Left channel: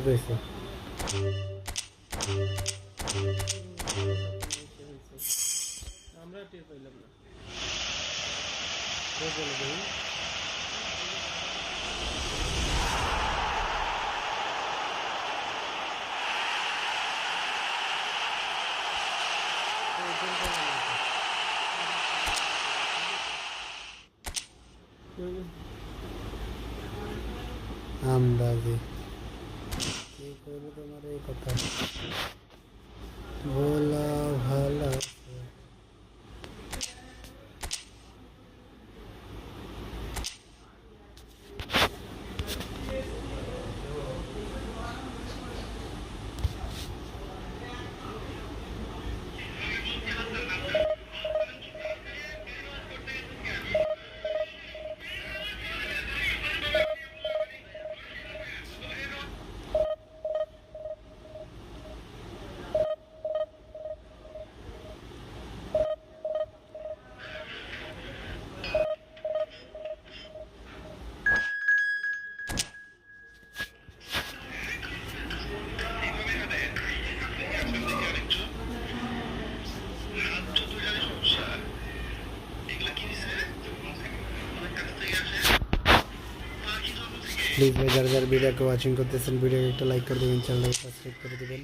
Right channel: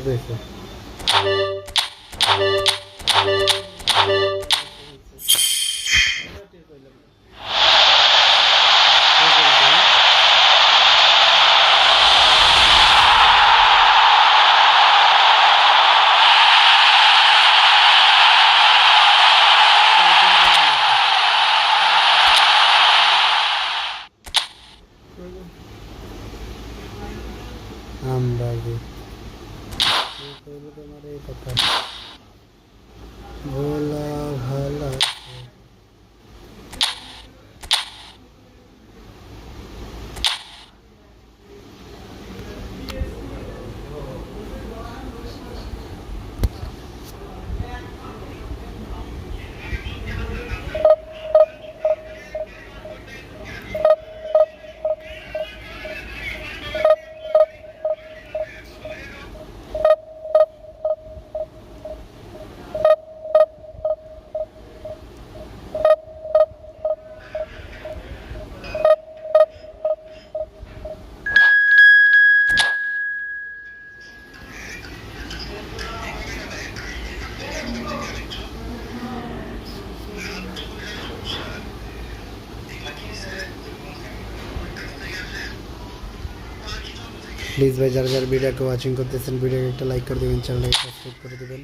ঠিক হয়েছে। আমরাজি তোমার এই কথা ভোলা ভালা প্লিজ ভাই যারা যারা ভিডিওকে ওয়াচিং করতেছেন ভিডিওকে একটা লাইক করে দেবেন, চ্যানেলটাকে সাবস্ক্রাইব করে দেবেন।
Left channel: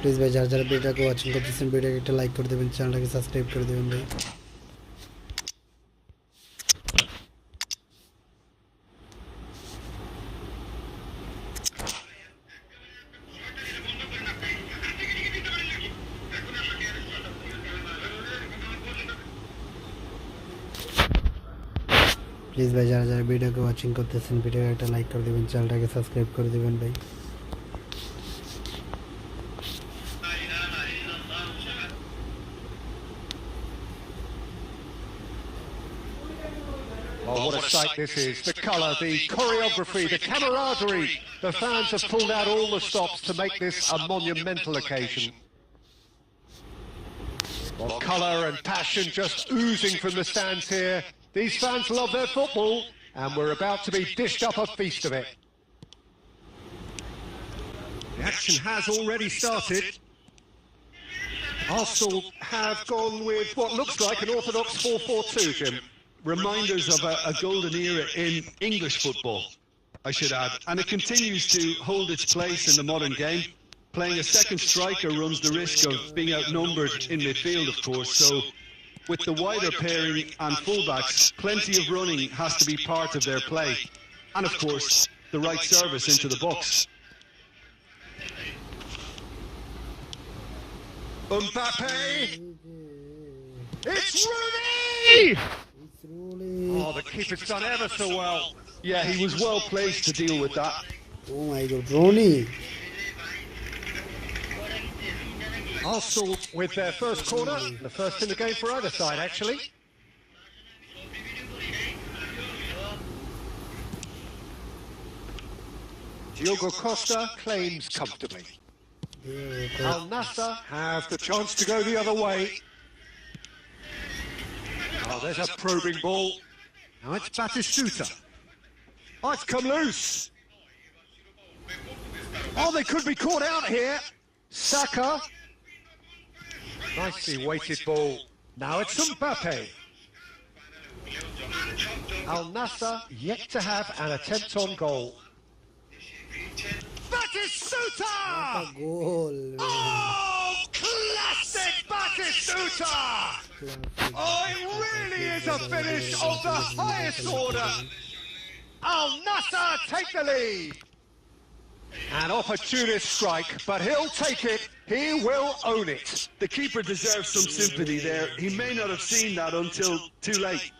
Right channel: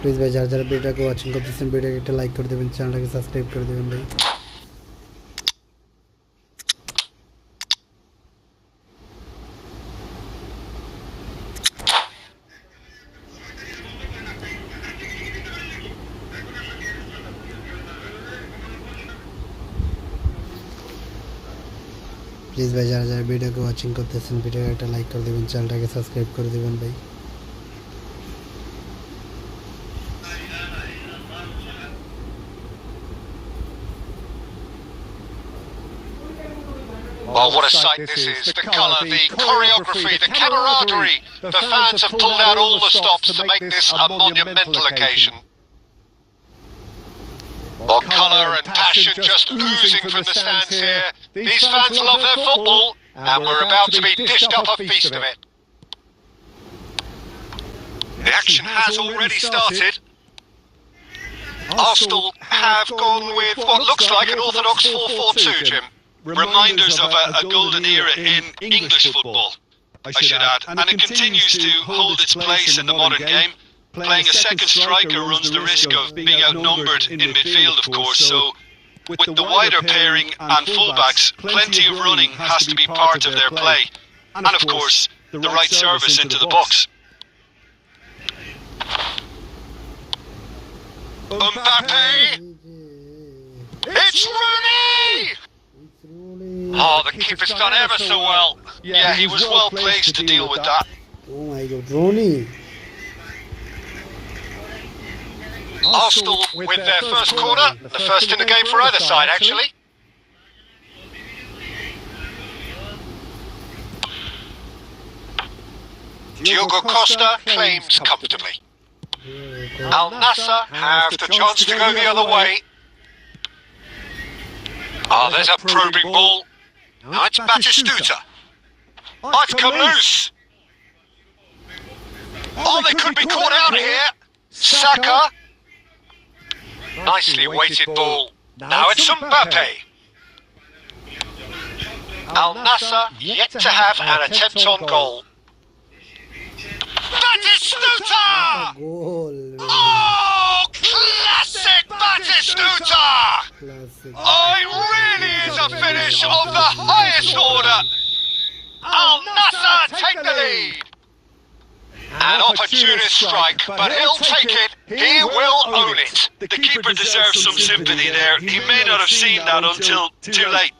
প্লিজ ভাই যারা যারা ভিডিওকে ওয়াচিং করতেছেন ভিডিওকে একটা লাইক করে দেবেন, চ্যানেলটাকে সাবস্ক্রাইব করে দেবেন ভাই। প্লিজ ভাই যারা যারা ভিডিওকে ওয়াচিং করতেছেন ভিডিওকে একটা লাইক করে দেবেন, চ্যানেলটাকে সাবস্ক্রাইব করে দেবেন ভাই। Oh, what a sight this is. The colour, the choreography, the camaraderie. The fans have pulled out all the stops to make this a monumental occasion. Oh, colour and passion just oozing from the stands here. These fans love their football, and we're about to be dished up a feast of it. The action has already started. Arsenal have gone with what looks like an orthodox 4-4-2, Jim. Reminders of a golden era in English football, I should add, and it continues to hold its place in the modern game. Playing a second striker runs the risk of being outnumbered in midfield, of course, so with the wider pairing and fullbacks, plenty of running has to be part of their play. And of course, the right service into the box. Mbappe! It's Rooney! Oh, the keeper's done ever so well. Yeah, he was well placed to deal with that. Oh my God, Rooney! Arsenal with their first corner, the first in the game for either side, actually. Diogo Costa claims comfortably. Al Nassr have the chance to go the other way. Oh, there's a probing ball. Now it's Batistuta. Oh, it's come loose. Oh, they could be caught out here. Saka. Nicely weighted ball. Now it's Mbappe. Al Nassr yet to have an attempt on goal. Batistuta! Goal! Oh, classic Batistuta! Oh, it really is a finish of the highest order. Al Nassr take the lead. An opportunist strike, but he'll take it. He will own it. The keeper deserves some sympathy there. He may not have seen that until too late.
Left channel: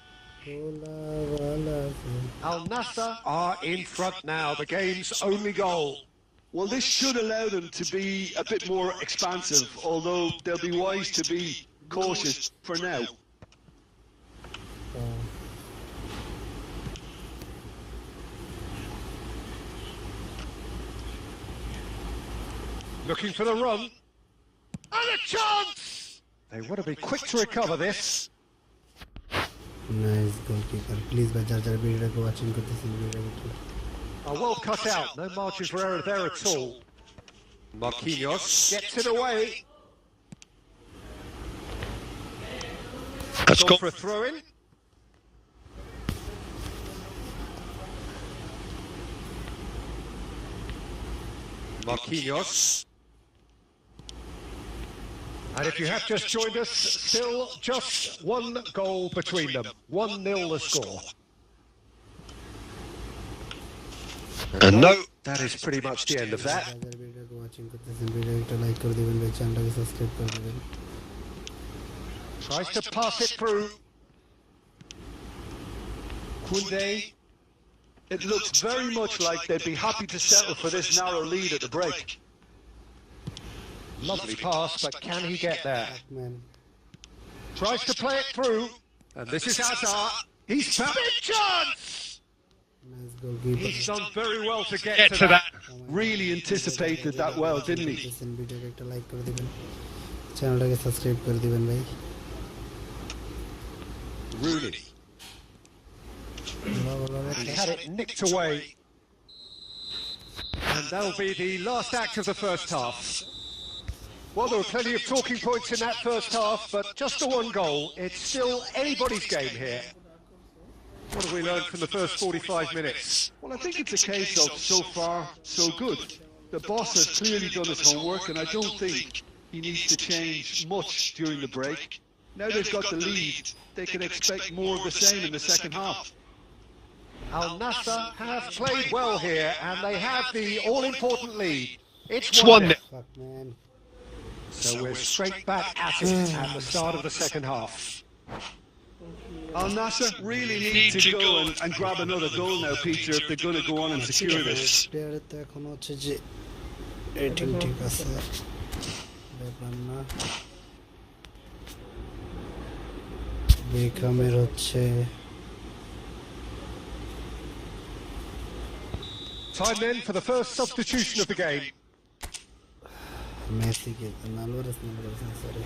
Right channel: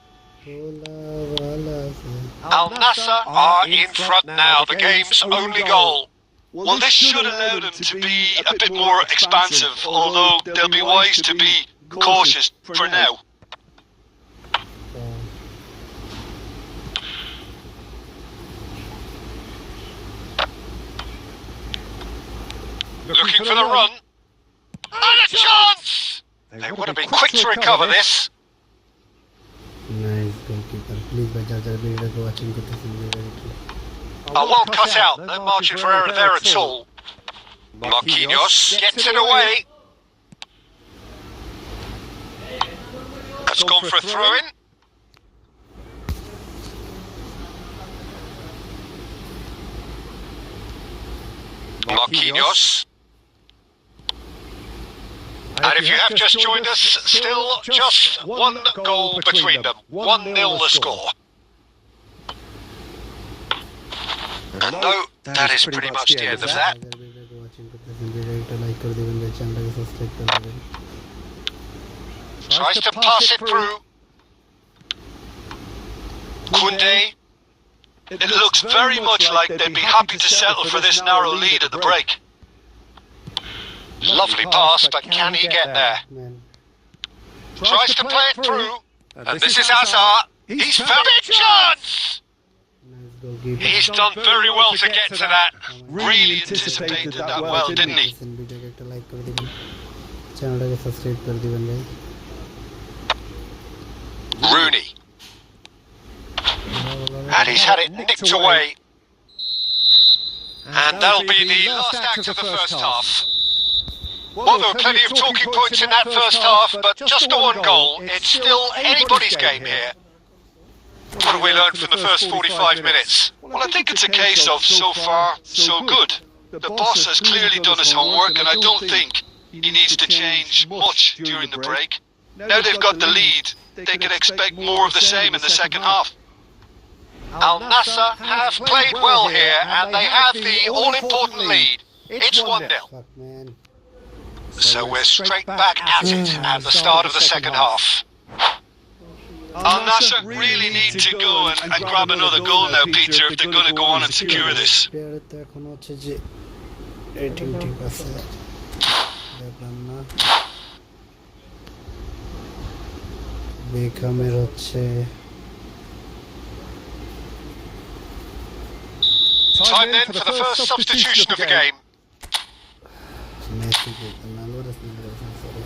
Al Nassr are in front now, the game's only goal. Well, this should allow them to be a bit more expansive, although they'll be wise to be cautious for now. Looking for the run. And a chance! They would have been quick to recover this. Nice goalkeeper. Please by jar jar video ko watching করতেছেন ভিডিওটা। A well cut out, no margin for error there at all. Marquinhos gets it away. Has gone for a throw-in. Marquinhos. And if you have just joined us, still just one goal between them. 1-0 the score. And no, that is pretty much the end of that. Tries to pass it through. Koundé. It looks very much like they'd be happy to settle for this narrow lead at the break. Lovely pass, but can he get there? Tries to play it through. And this is Hazard. He's found a chance! He's done very well to get to that. Really anticipated that well, didn't he? Rooney. And he's had it nicked away. And that'll be the last act of the first half. Well, there were plenty of talking points in that first half, but just the one goal. It's still anybody's game here. What have we learned from the first 45 minutes? Well, I think it's a case of so far, so good. The boss has clearly done his homework, and I don't think he needs to change much during the break. Now they've got the lead, they can expect more of the same in the second half. Al Nassr have played well here, and they have the all-important lead. It's 1-0. So we're straight back at it at the start of the second half. Al Nassr really need to go and grab another goal now, Peter, if they're going to go on and secure this. বেকামের হচ্ছে Time then for the first substitution of the game. Messi ke Alvarez sorry.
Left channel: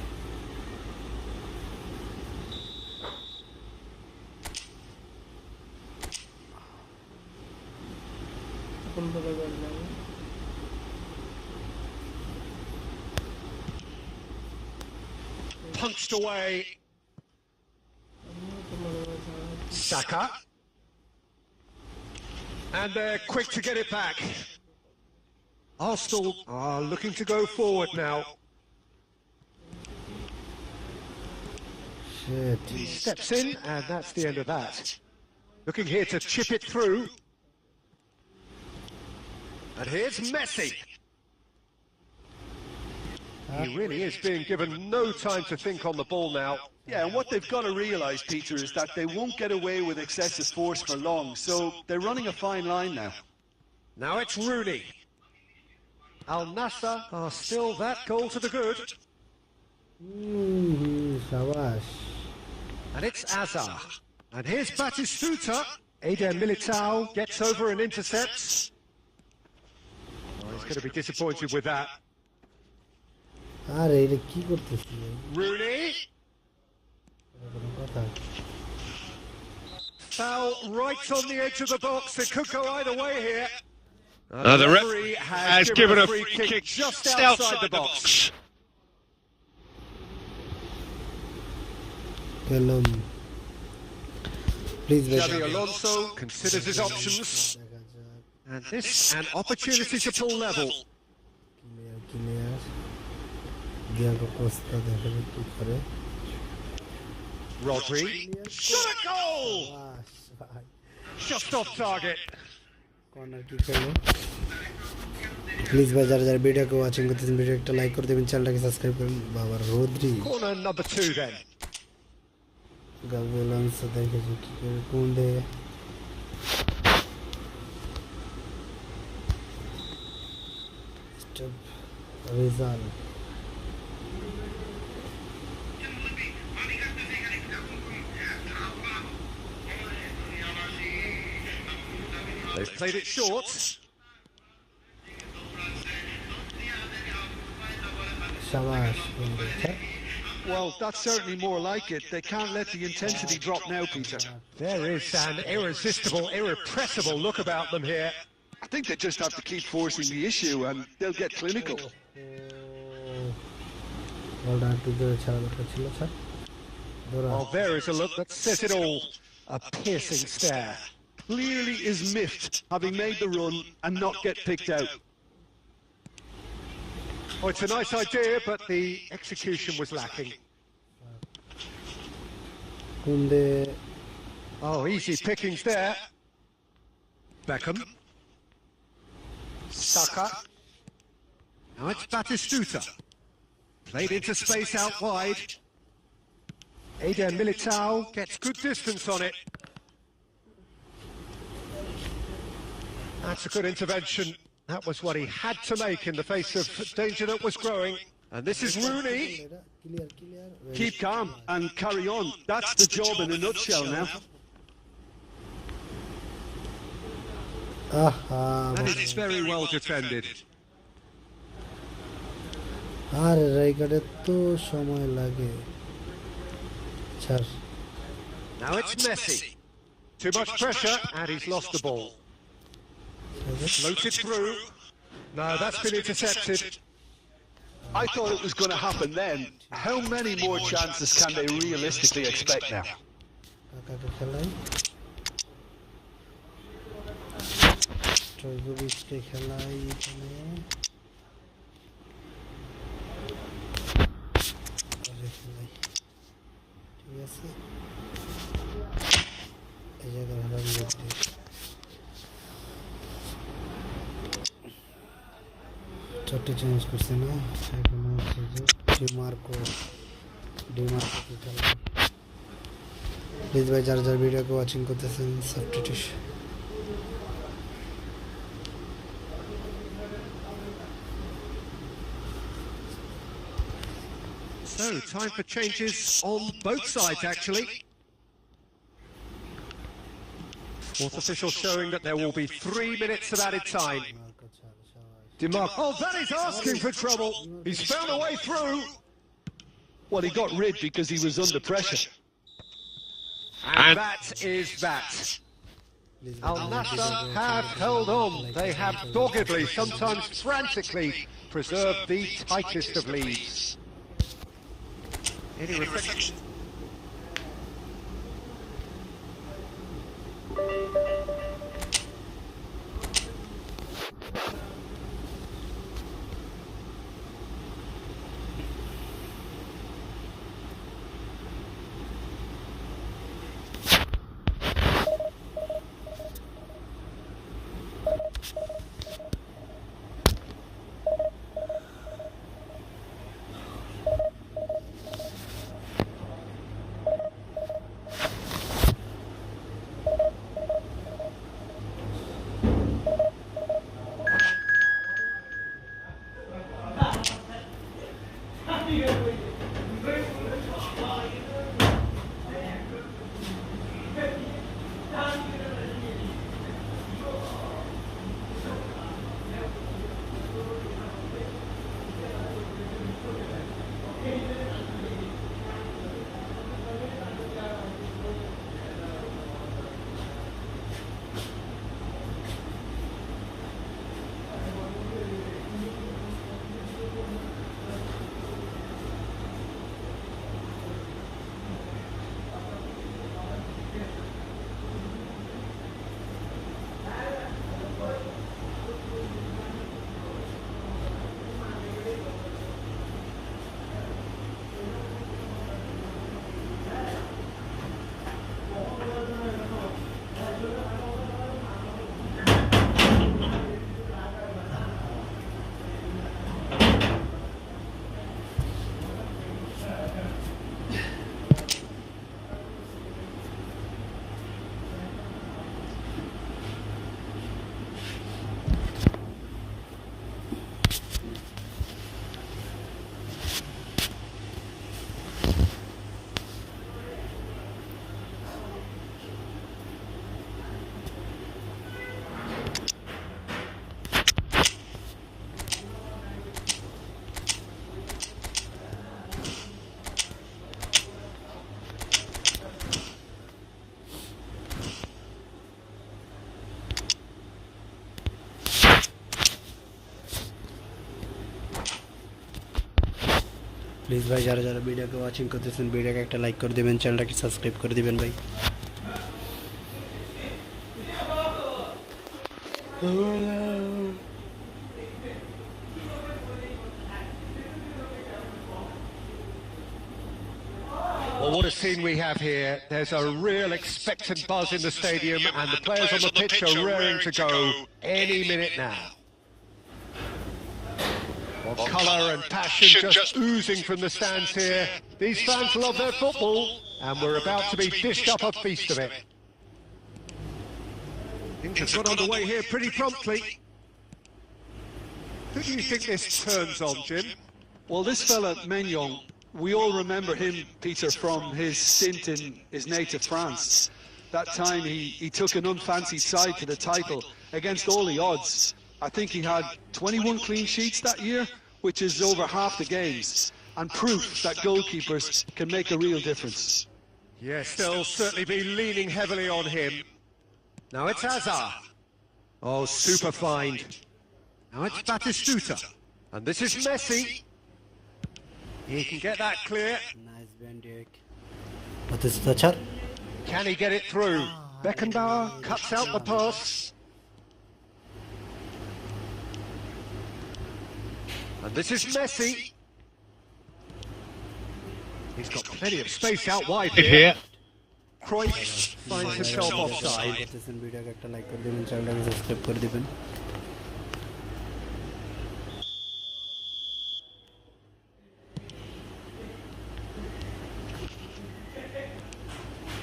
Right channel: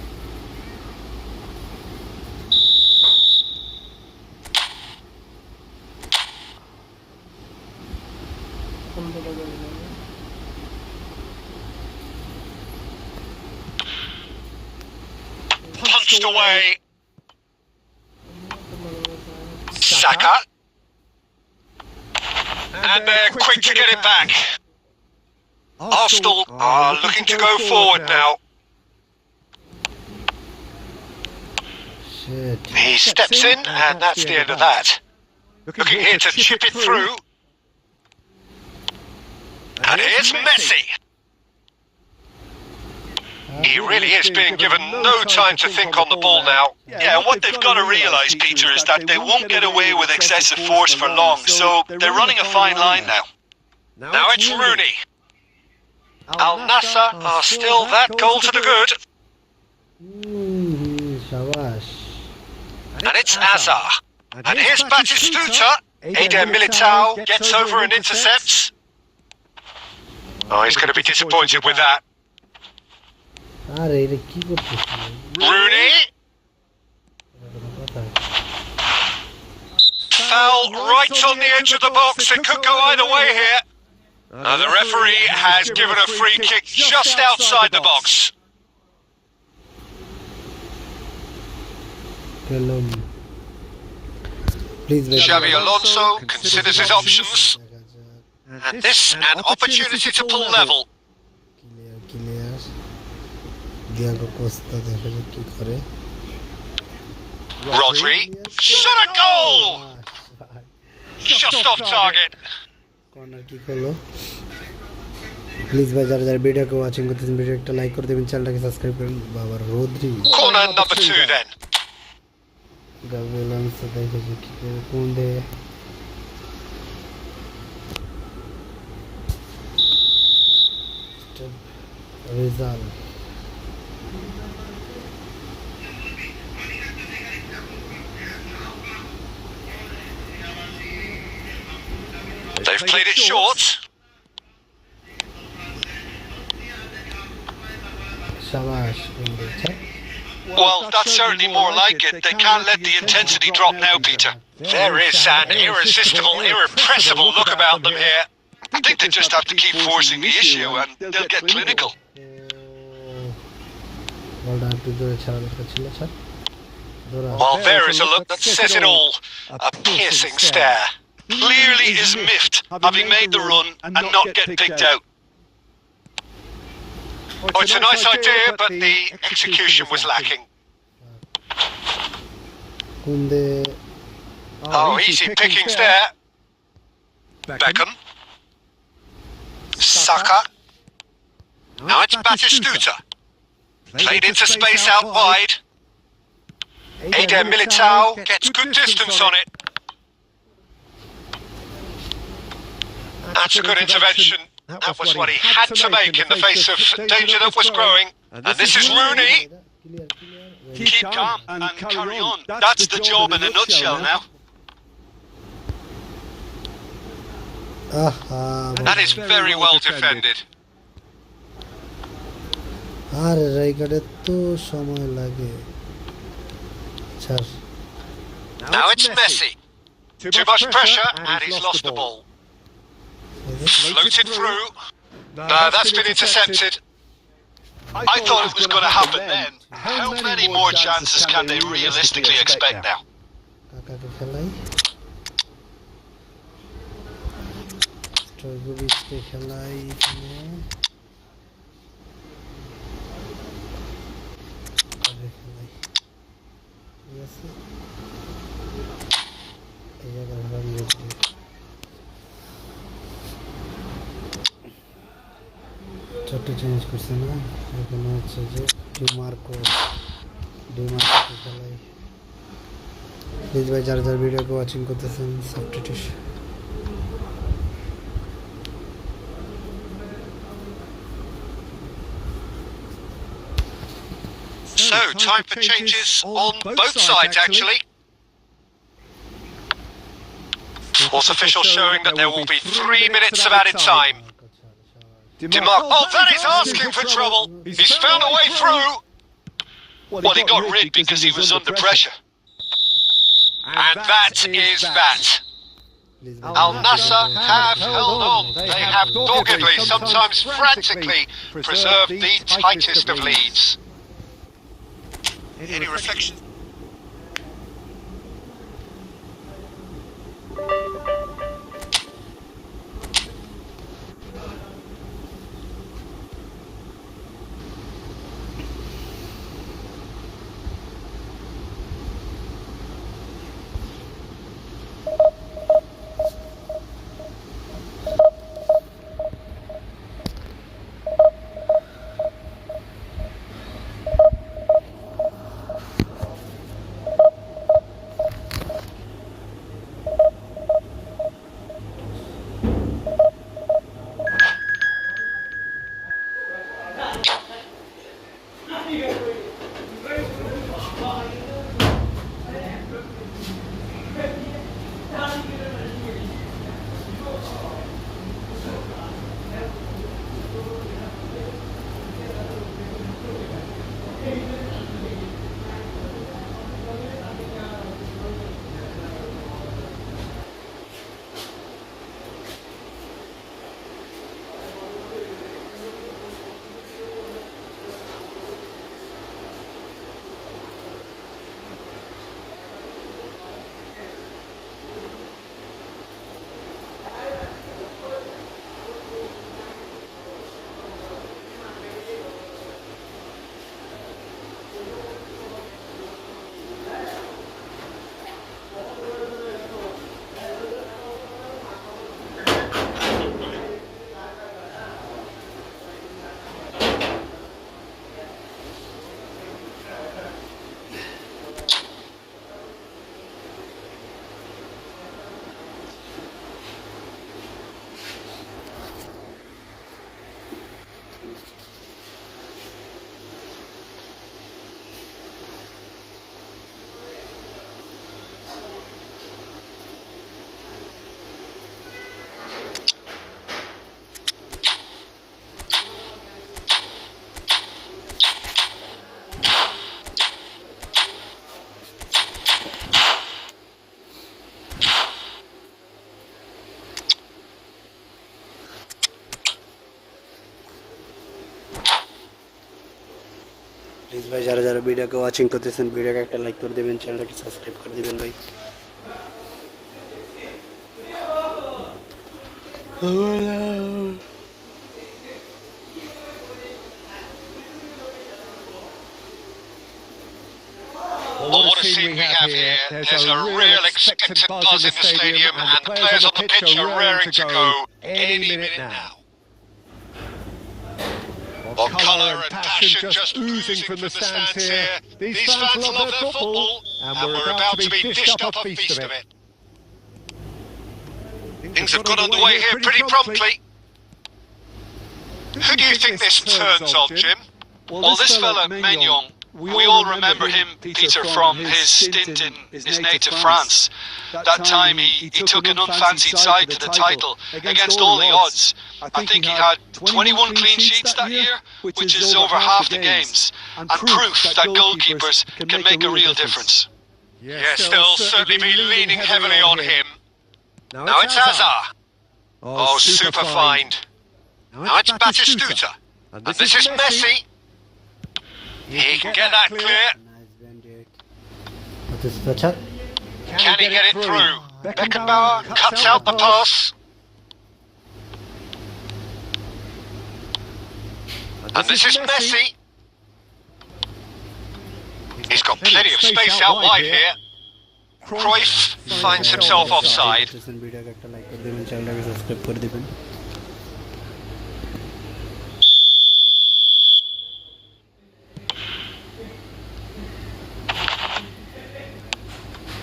Punched away. Saka. And they're quick to get it back. Arsenal are looking to go forward now. Shit. He steps in, and that's the end of that. Looking here to chip it through. And here's Messi. He really is being given no time to think on the ball now. Yeah, what they've got to realise, Peter, is that they won't get away with excessive force for long, so they're running a fine line now. Now it's Rooney. Al Nassr are still that goal to the good. Shabash. And it's Hazard. And here's Batistuta. Eder Militao gets over and intercepts. Oh, he's going to be disappointed with that. Rooney. Foul right on the edge of the box. It could go either way here. The referee has given a free kick just outside the box. Please, Xabi Alonso considers his options. And this an opportunity to pull level. Clear. Diego Costa দেখা যাক কি করে। Rodri, shot a goal! Just off target. Corner kick হলো। Please ভাই যারা যারা ভিডিওকে watching করতেছেন ভিডিও একটা লাইক করে দিবেন, চ্যানেলটাকে সাবস্ক্রাইব করুন। বাবা রোদ্রি Corner number 2 then. গাভেলান্স দেখে যে কি করে কোন্দে Rizal. They've played it short. Shabash. Well, that's certainly more like it. They can't let the intensity drop now, Peter. There is an irresistible, irrepressible look about them here. I think they just have to keep forcing the issue and they'll get clinical. বলটা একটু জোরে ছাড়া দরকার ছিল sir Well, there is a look that says it all. A piercing stare. Clearly is miffed, having made the run and not get picked out. Oh, it's a nice idea, but the execution was lacking. Kunde. Oh, easy pickings there. Beckham. Saka. Now it's Batistuta. Played into space out wide. Eder Militao gets good distance on it. That's a good intervention. That was what he had to make in the face of danger that was growing. And this is Rooney. Keep calm and carry on. That's the job in a nutshell now. That is very well defended. আরে রাইগারে তো সময় লাগে ছাড় Now it's Messi. Too much pressure and he's lost the ball. Floated through. No, that's been intercepted. I thought it was going to happen then. How many more chances can they realistically expect now? কাকাকে খেলাই স্ট্রয়গোভিচকে খেলাই এখানে খেলাই ঠিক আছে এই জায়গায় হারাই ছোট্ট চেঞ্জ করছে না এখানে হচ্ছে যে ডিমার্কো খেলাই প্লিজ ভাই যারা যারা ভিডিওকে ওয়াচিং করতেছেন subtitle So, time for changes on both sides, actually. Fourth official showing that there will be 3 minutes of added time. Demar, oh, that is asking for trouble. He's found a way through. Well, he got rigged because he was under pressure. And that is that. Al Nassr have held on. They have doggedly, sometimes frantically, preserved the tightest of leads. Any reflection? Please ভাই যারা যারা ভিডিওকে watching করতেছেন ভিডিওকে একটা like করে দেবেন, চ্যানেলটাকে সাবস্ক্রাইব করে দিবেন ভাই। Well, what a scene we have here. There's a real expectant buzz in the stadium, and the players on the pitch are raring to go any minute now. Well, colour and passion just oozing from the stands here. These fans love their football, and we're about to be dished up a feast of it. Things have got underway here pretty promptly. Who do you think this turns on, Jim? Well, this fella, Mignon, we all remember him, Peter, from his stint in his native France. That time he took an unfancy side to the title against all the odds. I think he had 21 clean sheets that year, which is over half the games, and proof that goalkeepers can make a real difference. Yes, they'll certainly be leaning heavily on him. Now it's Hazard. Oh, super find. Now it's Batistuta. And this is Messi. He can get that clear. Nice bandit. What is the chat? Can he get it through? Beckenbauer cuts out the pass. And this is Messi. He's got plenty of space out wide here. Cruyff finds himself offside. ভিডিওকে একটা like করে দিবেন, চ্যানেলটাকে subscribe করে দিবেন।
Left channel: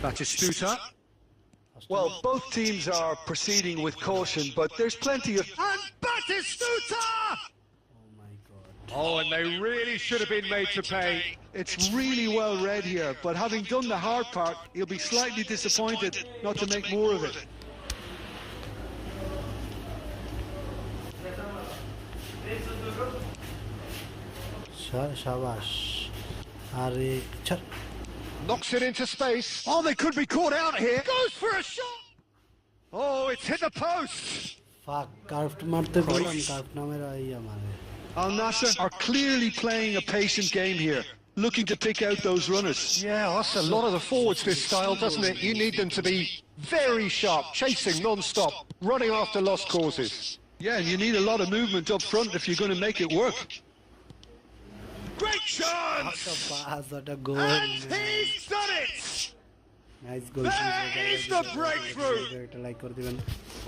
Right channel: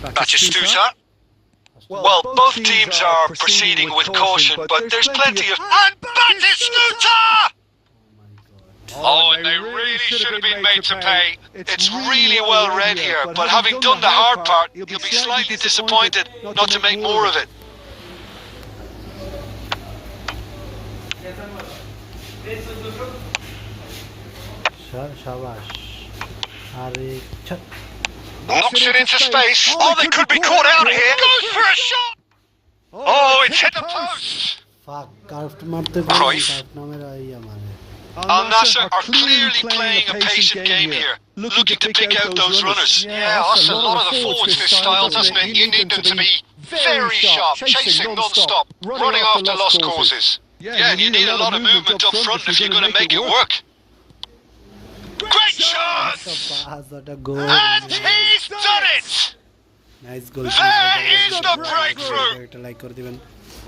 Batistuta. Well, both teams are proceeding with caution, but there's plenty of... And Batistuta! Oh, and they really should have been made to pay. It's really well read here, but having done the hard part, he'll be slightly disappointed not to make more of it. শাবাশ। আরে ছাড়। Knocks it into space. Oh, they could be caught out here. Goes for a shot. Oh, it's hit the post. ফাক কার্ফট মারতে পারি, কার্ফট নামের আইয়া মারে। Al Nassr are clearly playing a patient game here, looking to pick out those runners. Yeah, that's a lot of the forwards this style, doesn't it? You need them to be very sharp, chasing non-stop, running after lost causes. Yeah, you need a lot of movement up front if you're going to make it work. Great shot! What a goal. And he's done it! Nice goal. There is the breakthrough! একটা like করে দিবেন।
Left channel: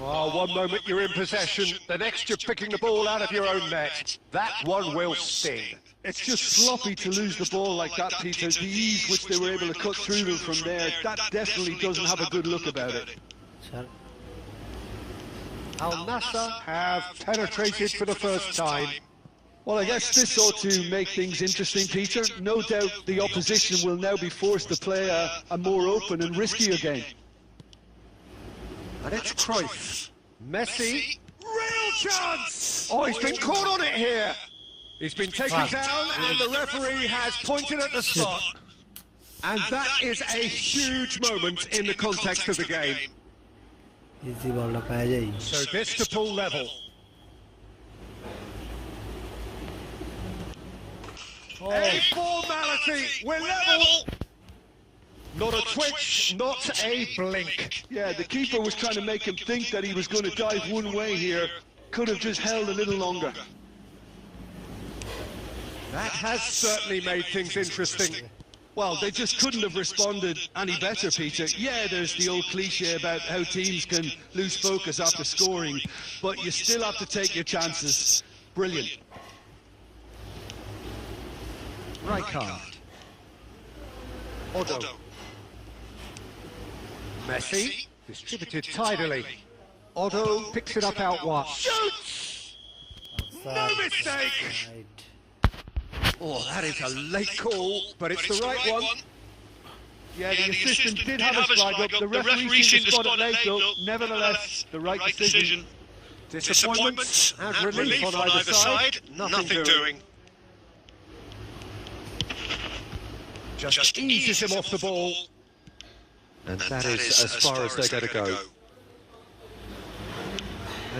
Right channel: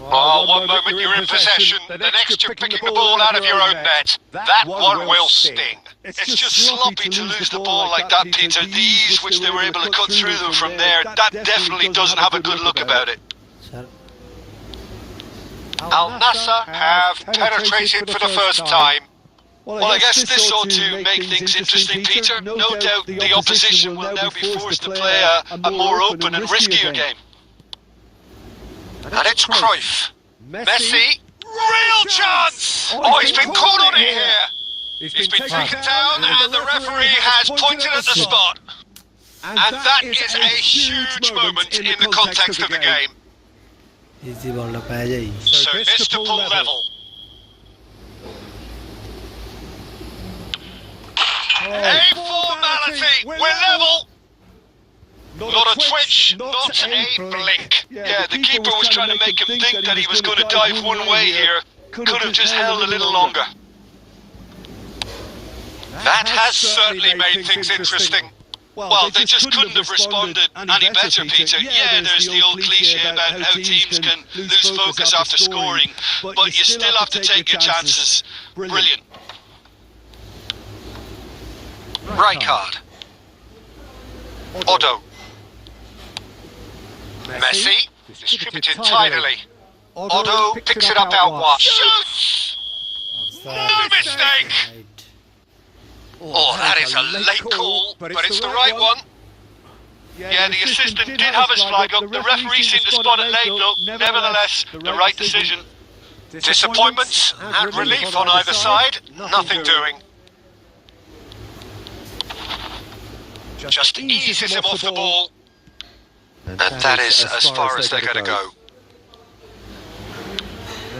Oh, one moment you're in possession, the next you're picking the ball out of your own net. That one will sting. It's just sloppy to lose the ball like that, Peter. The ease which they were able to cut through them from there, that definitely doesn't have a good look about it. Al Nassr have penetrated for the first time. Well, I guess this ought to make things interesting, Peter. No doubt the opposition will now be forced to play a more open and riskier game. And it's Cruyff. Messi. Real chance! Oh, he's been caught on here. He's been taken down and the referee has pointed at the spot. And that is a huge moment in the context of the game. Easy ball টা পাওয়া যায়। So this to pull level. Oh, formality! We're level! Not a twitch, not a blink. Yeah, the keeper was trying to make him think that he was going to dive one way here. Could have just held a little longer. That has certainly made things interesting. Well, they just couldn't have responded any better, Peter. Yeah, there's the old cliche about how teams can lose focus after scoring, but you still have to take your chances. Brilliant. Right card. Otto. Messi. Distributed tidily. Otto picks it up out wide. Shoots! No mistake! Oh, that is a late call, but it's the right one. Yeah, the assistant did have a flag up. The referee seemed to spot it late, though. Nevertheless, the right decision. Disappointments and relief on either side. Nothing doing. Just eases him off the ball. And that is as far as they're going to go.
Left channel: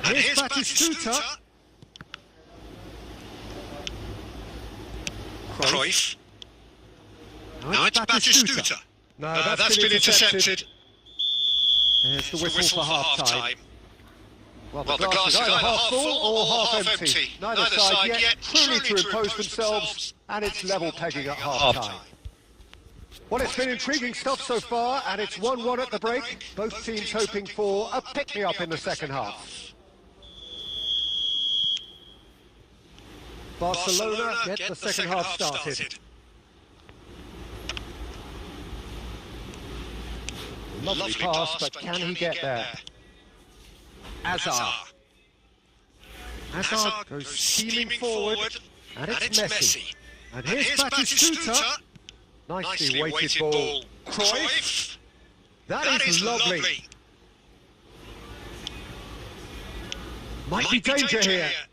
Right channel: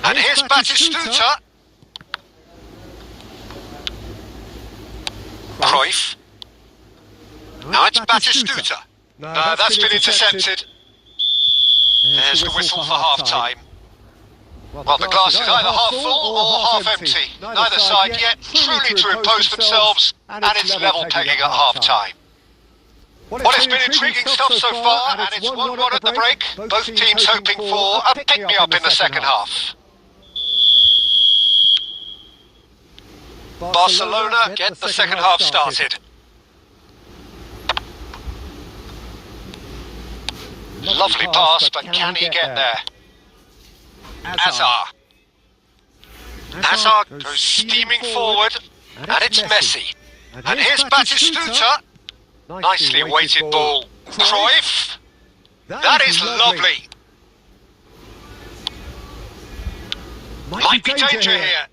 And here's Batistuta. Cruyff. Now it's Batistuta. No, that's been intercepted. There's the whistle for half-time. Well, the glass is either half full or half empty. Neither side yet truly to impose themselves, and it's level pegging at half-time. Well, it's been intriguing stuff so far, and it's 1-1 at the break. Both teams hoping for a pick-me-up in the second half. Barcelona get the second half started. Lovely pass, but can he get there? Hazard goes steaming forward, and it's Messi. And here's Batistuta. Nicely weighted ball. Cruyff. That is lovely. Might be danger here.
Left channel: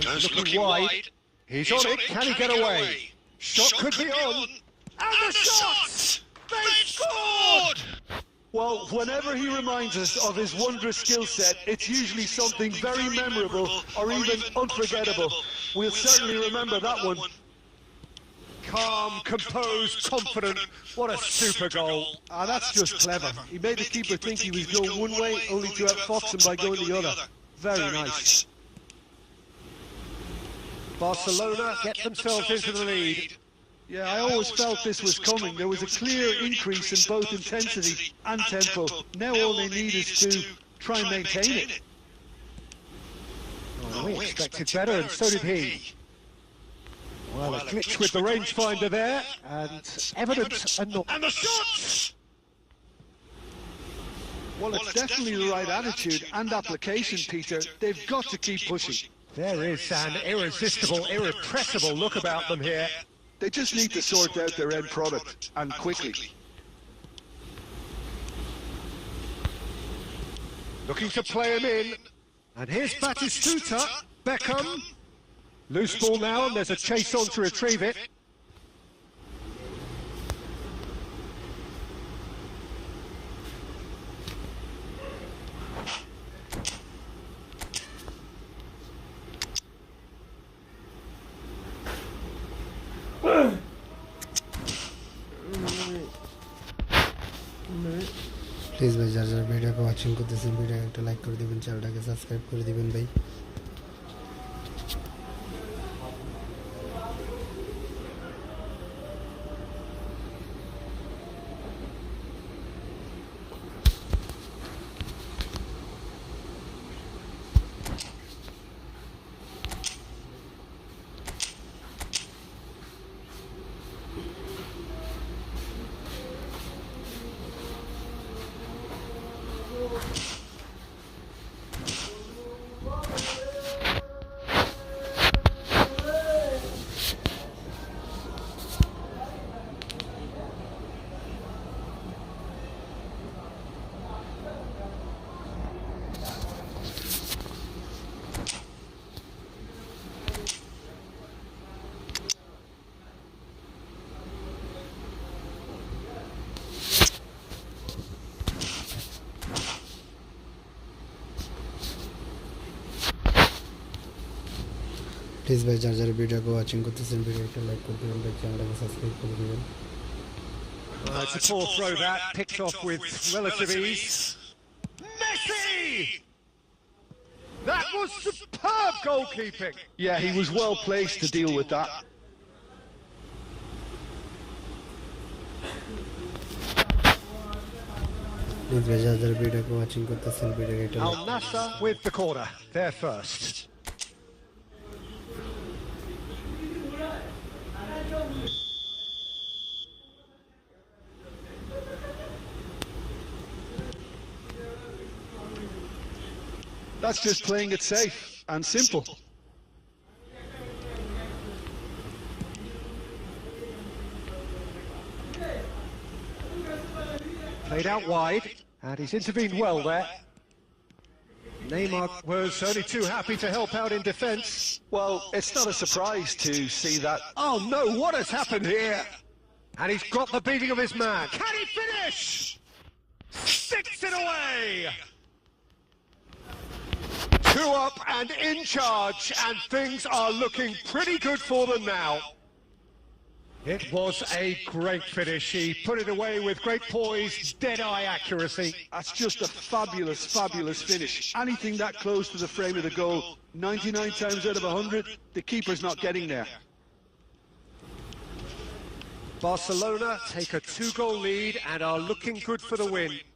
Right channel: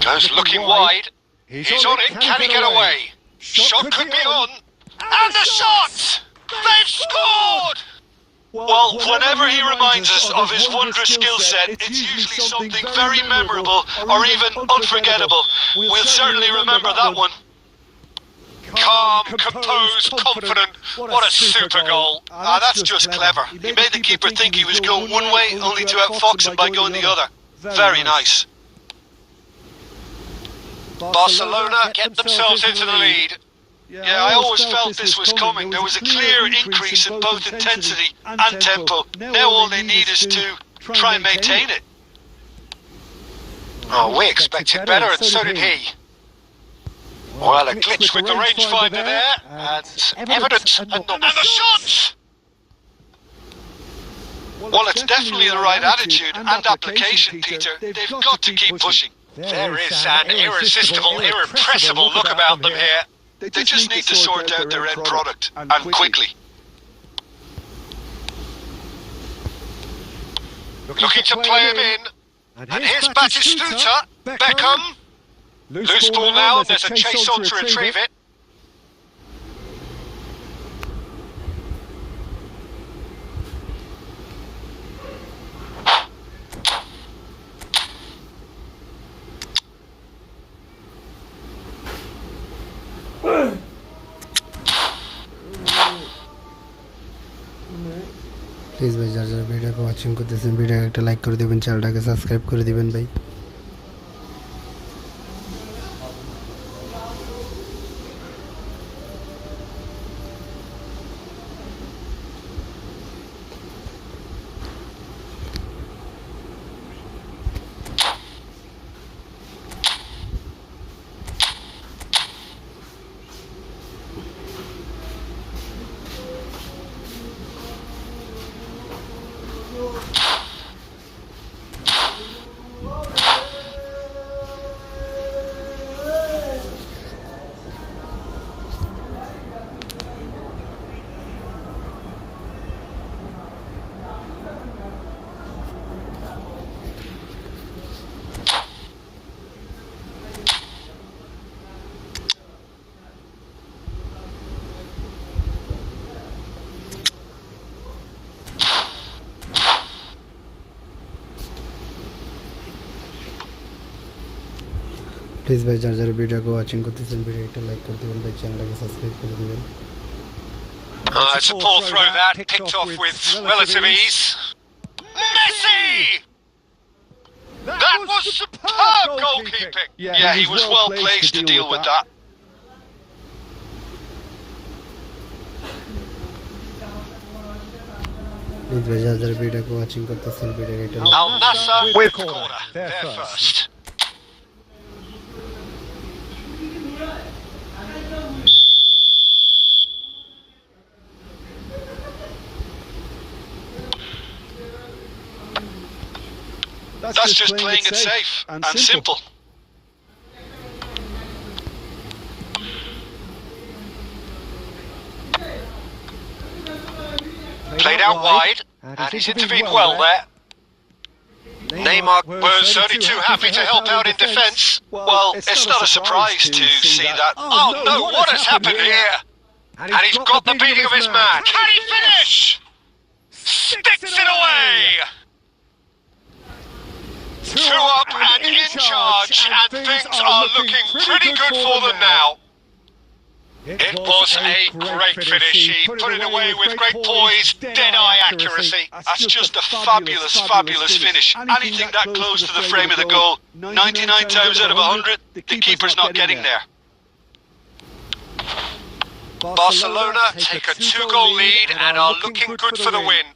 Goes looking wide. He's on it. Can he get away? Shot could be on. And the shot! They've scored! Well, whenever he reminds us of his wondrous skill set, it's usually something very memorable or even unforgettable. We'll certainly remember that one. Calm, composed, confident. What a super goal. That's just clever. He made the keeper think he was going one way, only to outfox him by going the other. Very nice. Barcelona get themselves into the lead. Yeah, I always felt this was coming. There was a clear increase in both intensity and tempo. Now all they need is to try and maintain it. Oh, we expected better, and so did he. Well, a glitch with the rangefinder there, and evidence, and the shots! Well, it's definitely the right attitude and application, Peter. They've got to keep pushing. There is an irresistible, irrepressible look about them here. They just need to sort out their end product, and quickly. Looking to play him in. And here's Batistuta. Beckham. Loose ball now, there's a chase on to retrieve it. Please ভাই যারা যারা ভিডিওকে watching করতেছেন ভিডিওকে একটা like করে দেবেন, চ্যানেলটাকে সাবস্ক্রাইব করে দিবেন ভাই। প্লিজ ভাই যারা যারা ভিডিওকে ওয়াচিং করতেছেন ভিডিও একটা লাইক করে দেবেন ভাই, চ্যানেলটাকে সাবস্ক্রাইব করে দেবেন। It's a poor throw that, picked off with relative ease. Messi! That was superb goalkeeping. Yeah, he was well placed to deal with that. Please ভাই যারা যারা ভিডিওকে ওয়াচিং করতেছেন ভিডিওকে একটা Al Nassr with corner. They're first. That's just playing it safe and simple. Played out wide, and he's intervened well there. Neymar was only too happy to help out in defence. Well, it's not a surprise to see that. Oh no, what has happened here? And he's got the beating of his man. Can he finish? Sticks it away! Two up and in charge, and things are looking pretty good for them now. It was a great finish. He put it away with great poise, dead-eye accuracy. That's just a fabulous finish. Anything that close to the frame of the goal, 99 times out of 100, the keeper's not getting there. Barcelona take a 2-goal lead and are looking good for the win.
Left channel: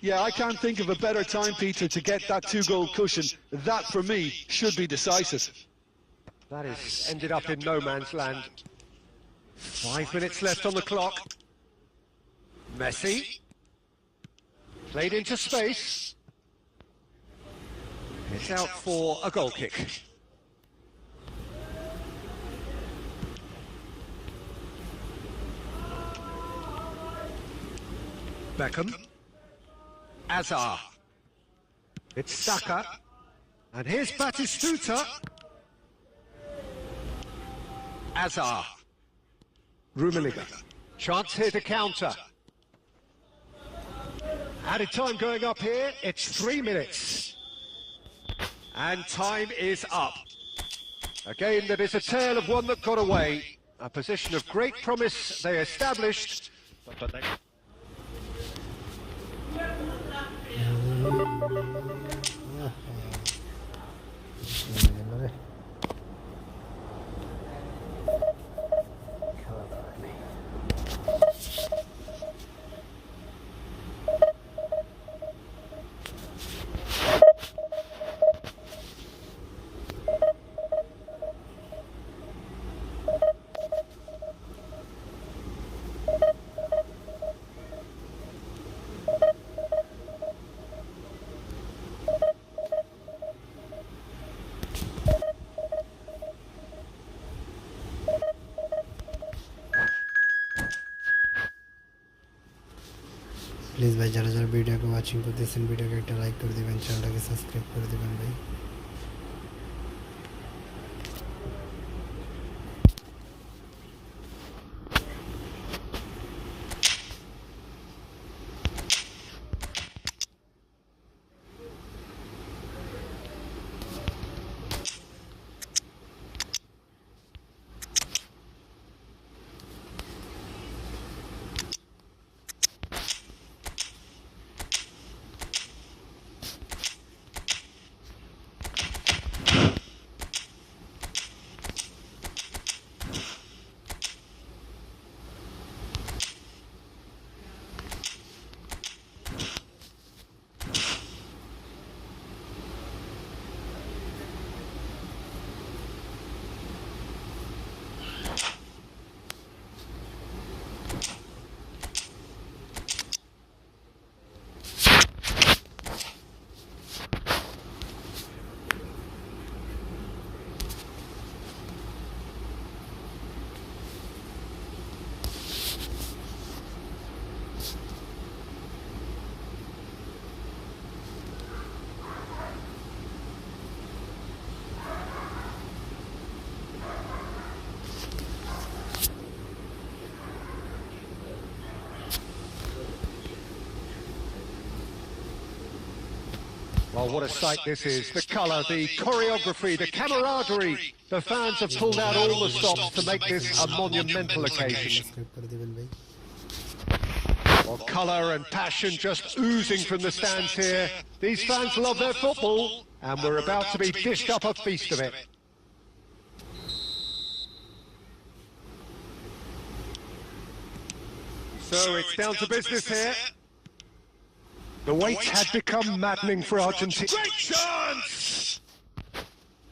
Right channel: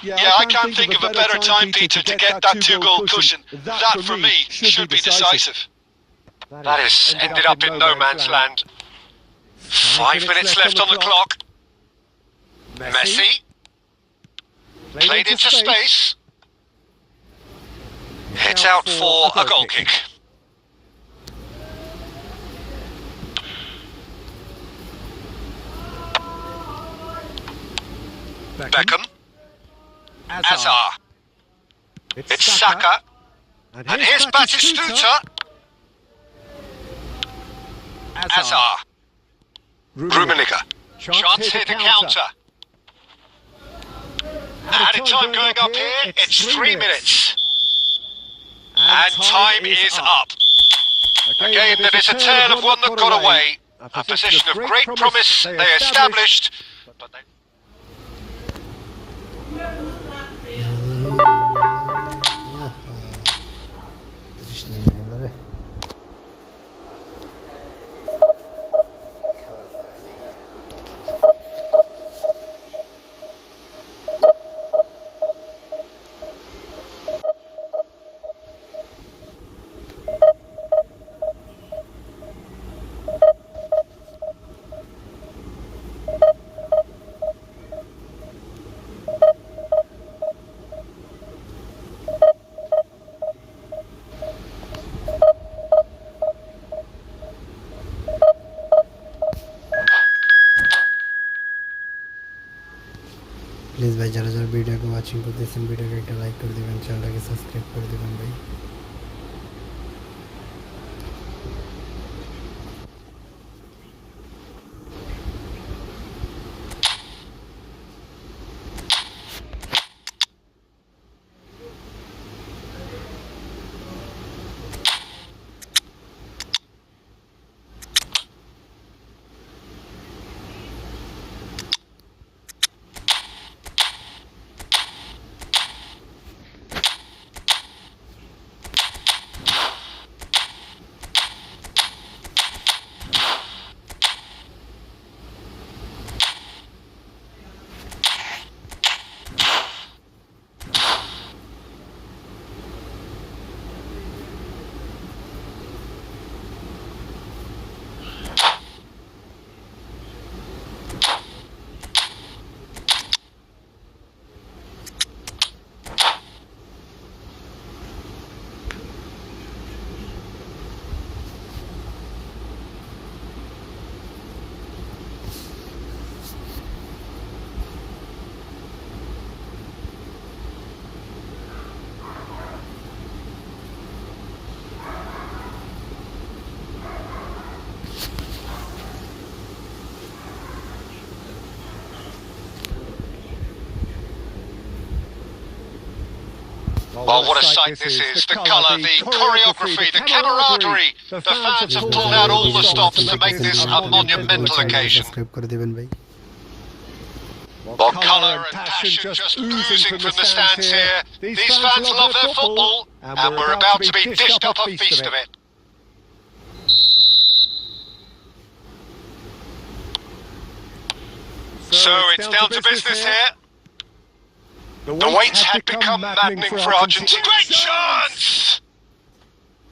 Yeah, I can't think of a better time, Peter, to get that 2-goal cushion. That, for me, should be decisive. That is ended up in no man's land. 5 minutes left on the clock. Messi played into space. Hits out for a goal kick. Beckham. Hazard. It's Saka. And here's Batistuta. Hazard. Rummenigge. Chance here to counter. Added time going up here, it's 3 minutes. And time is up. A game that is a tale of one that got away. A position of great promise they established. Please ভাই যারা যারা ভিডিওকে watching করতেছেন ভিডিওকে একটা like করে দিবেন, চ্যানেলটাকে সাবস্ক্রাইব করে দিবেন ভাই। Oh, what a sight this is. The colour, the choreography, the camaraderie. The fans have pulled out all the stops to make this a monumental occasion. Subscribe করে দিবেন ভাই। Well, colour and passion just oozing from the stands here. These fans love their football, and we're about to be dished up a feast of it. So it's down to business here. The wait had become maddening for Argentina. Great chance!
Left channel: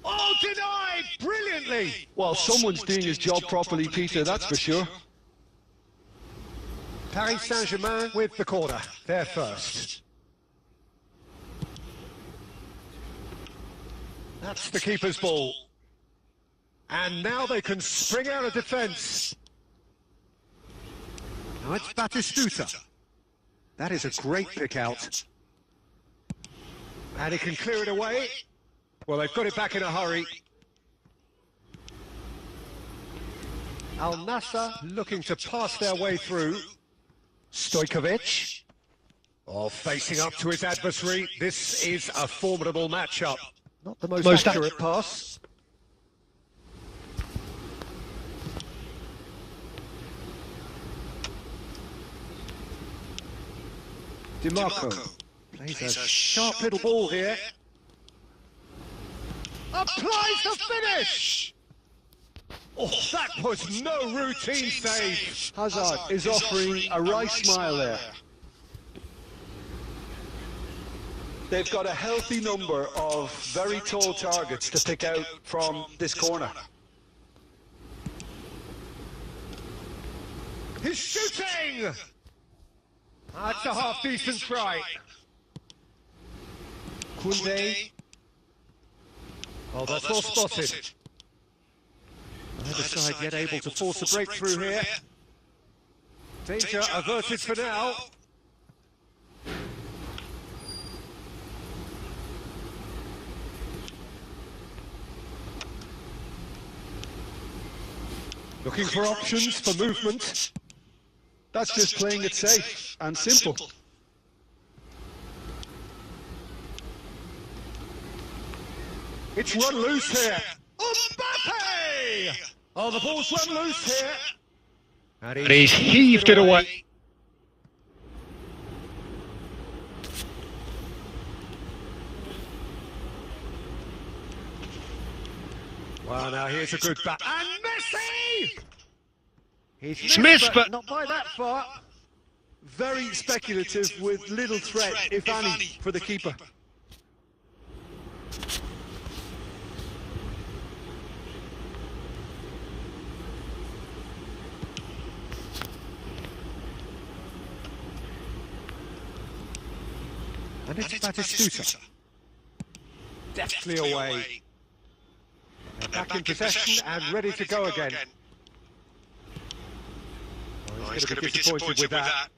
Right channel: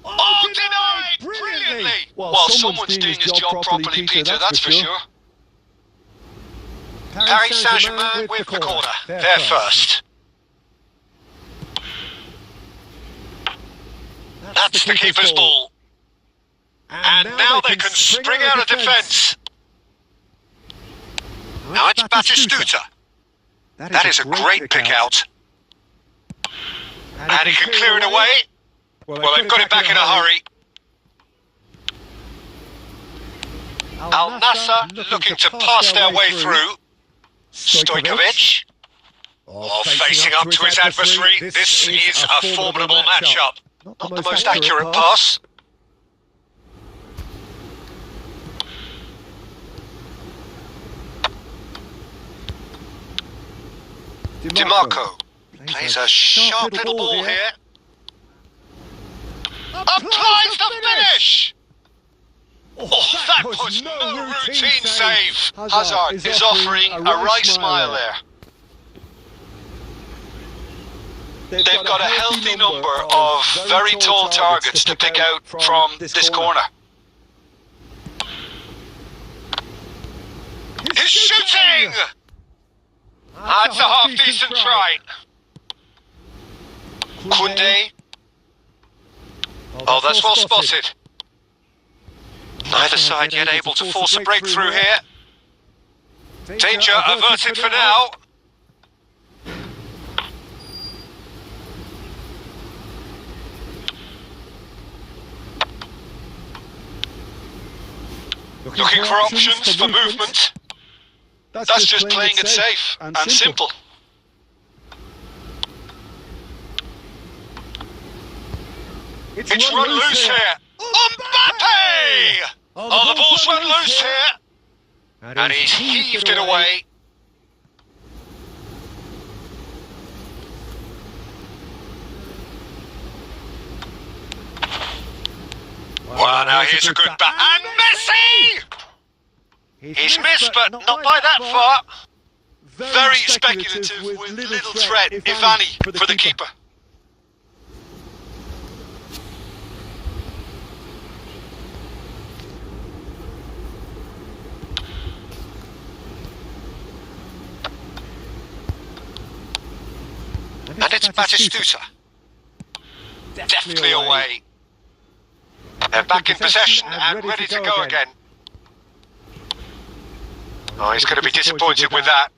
Oh, denied brilliantly! Well, someone's doing his job properly, Peter, that's for sure. Paris Saint-Germain with the corner. They're first. That's the keeper's ball. And now they can spring out of defence. Now it's Batistuta. That is a great pick out. And he can clear it away. Well, they've got it back in a hurry. Al Nassr looking to pass their way through. Stojkovic. Oh, facing up to his adversary. This is a formidable matchup. Not the most accurate pass. DiMarco plays a sharp little ball here. Applies the finish! Oh, that was no routine save. Hazard is offering a right smile there. They've got a healthy number of very tall targets to pick out from this corner. He's shooting! That's a half-decent try. Koundé. Oh, that's well spotted. Neither side yet able to force a breakthrough here. Danger averted for now. Looking for options for movement. That's just playing it safe and simple. It's run loose here. Mbappe! Oh, the ball's run loose here. And he's heaved it away. Wow, now here's a good back. And Messi! He's missed, but not by that far. Very speculative with little threat, if any, for the keeper. And it's Batistuta. Deftly away. And back in possession and ready to go again. Oh, he's going to be disappointed with that.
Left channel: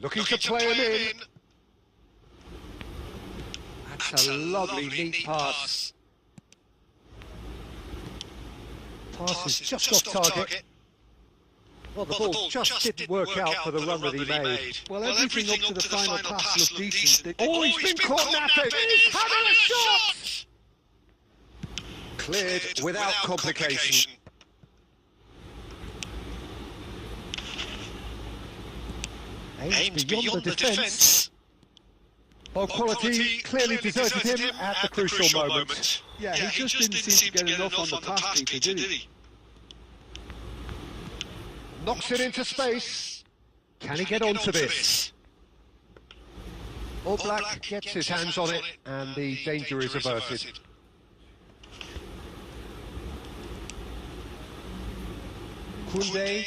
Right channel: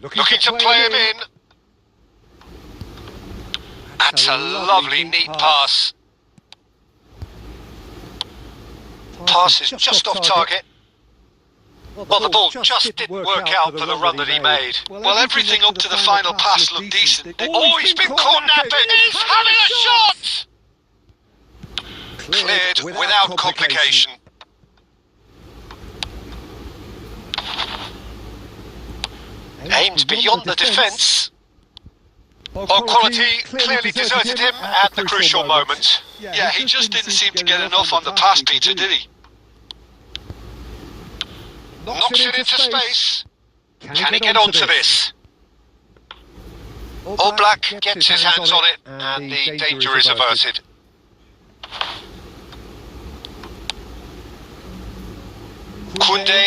Looking to play him in. That's a lovely, neat pass. Pass is just off target. Well, the ball just didn't work out for the run that he made. Well, everything up to the final pass looked decent. Oh, he's been caught napping. He's having a shot! Cleared without complication. Aims beyond the defence. Ball quality clearly deserted him at the crucial moment. Yeah, he just didn't seem to get enough on the pass, Peter, did he? Knocks it into space. Can he get onto this? All Black gets his hands on it, and the danger is averted. Koundé,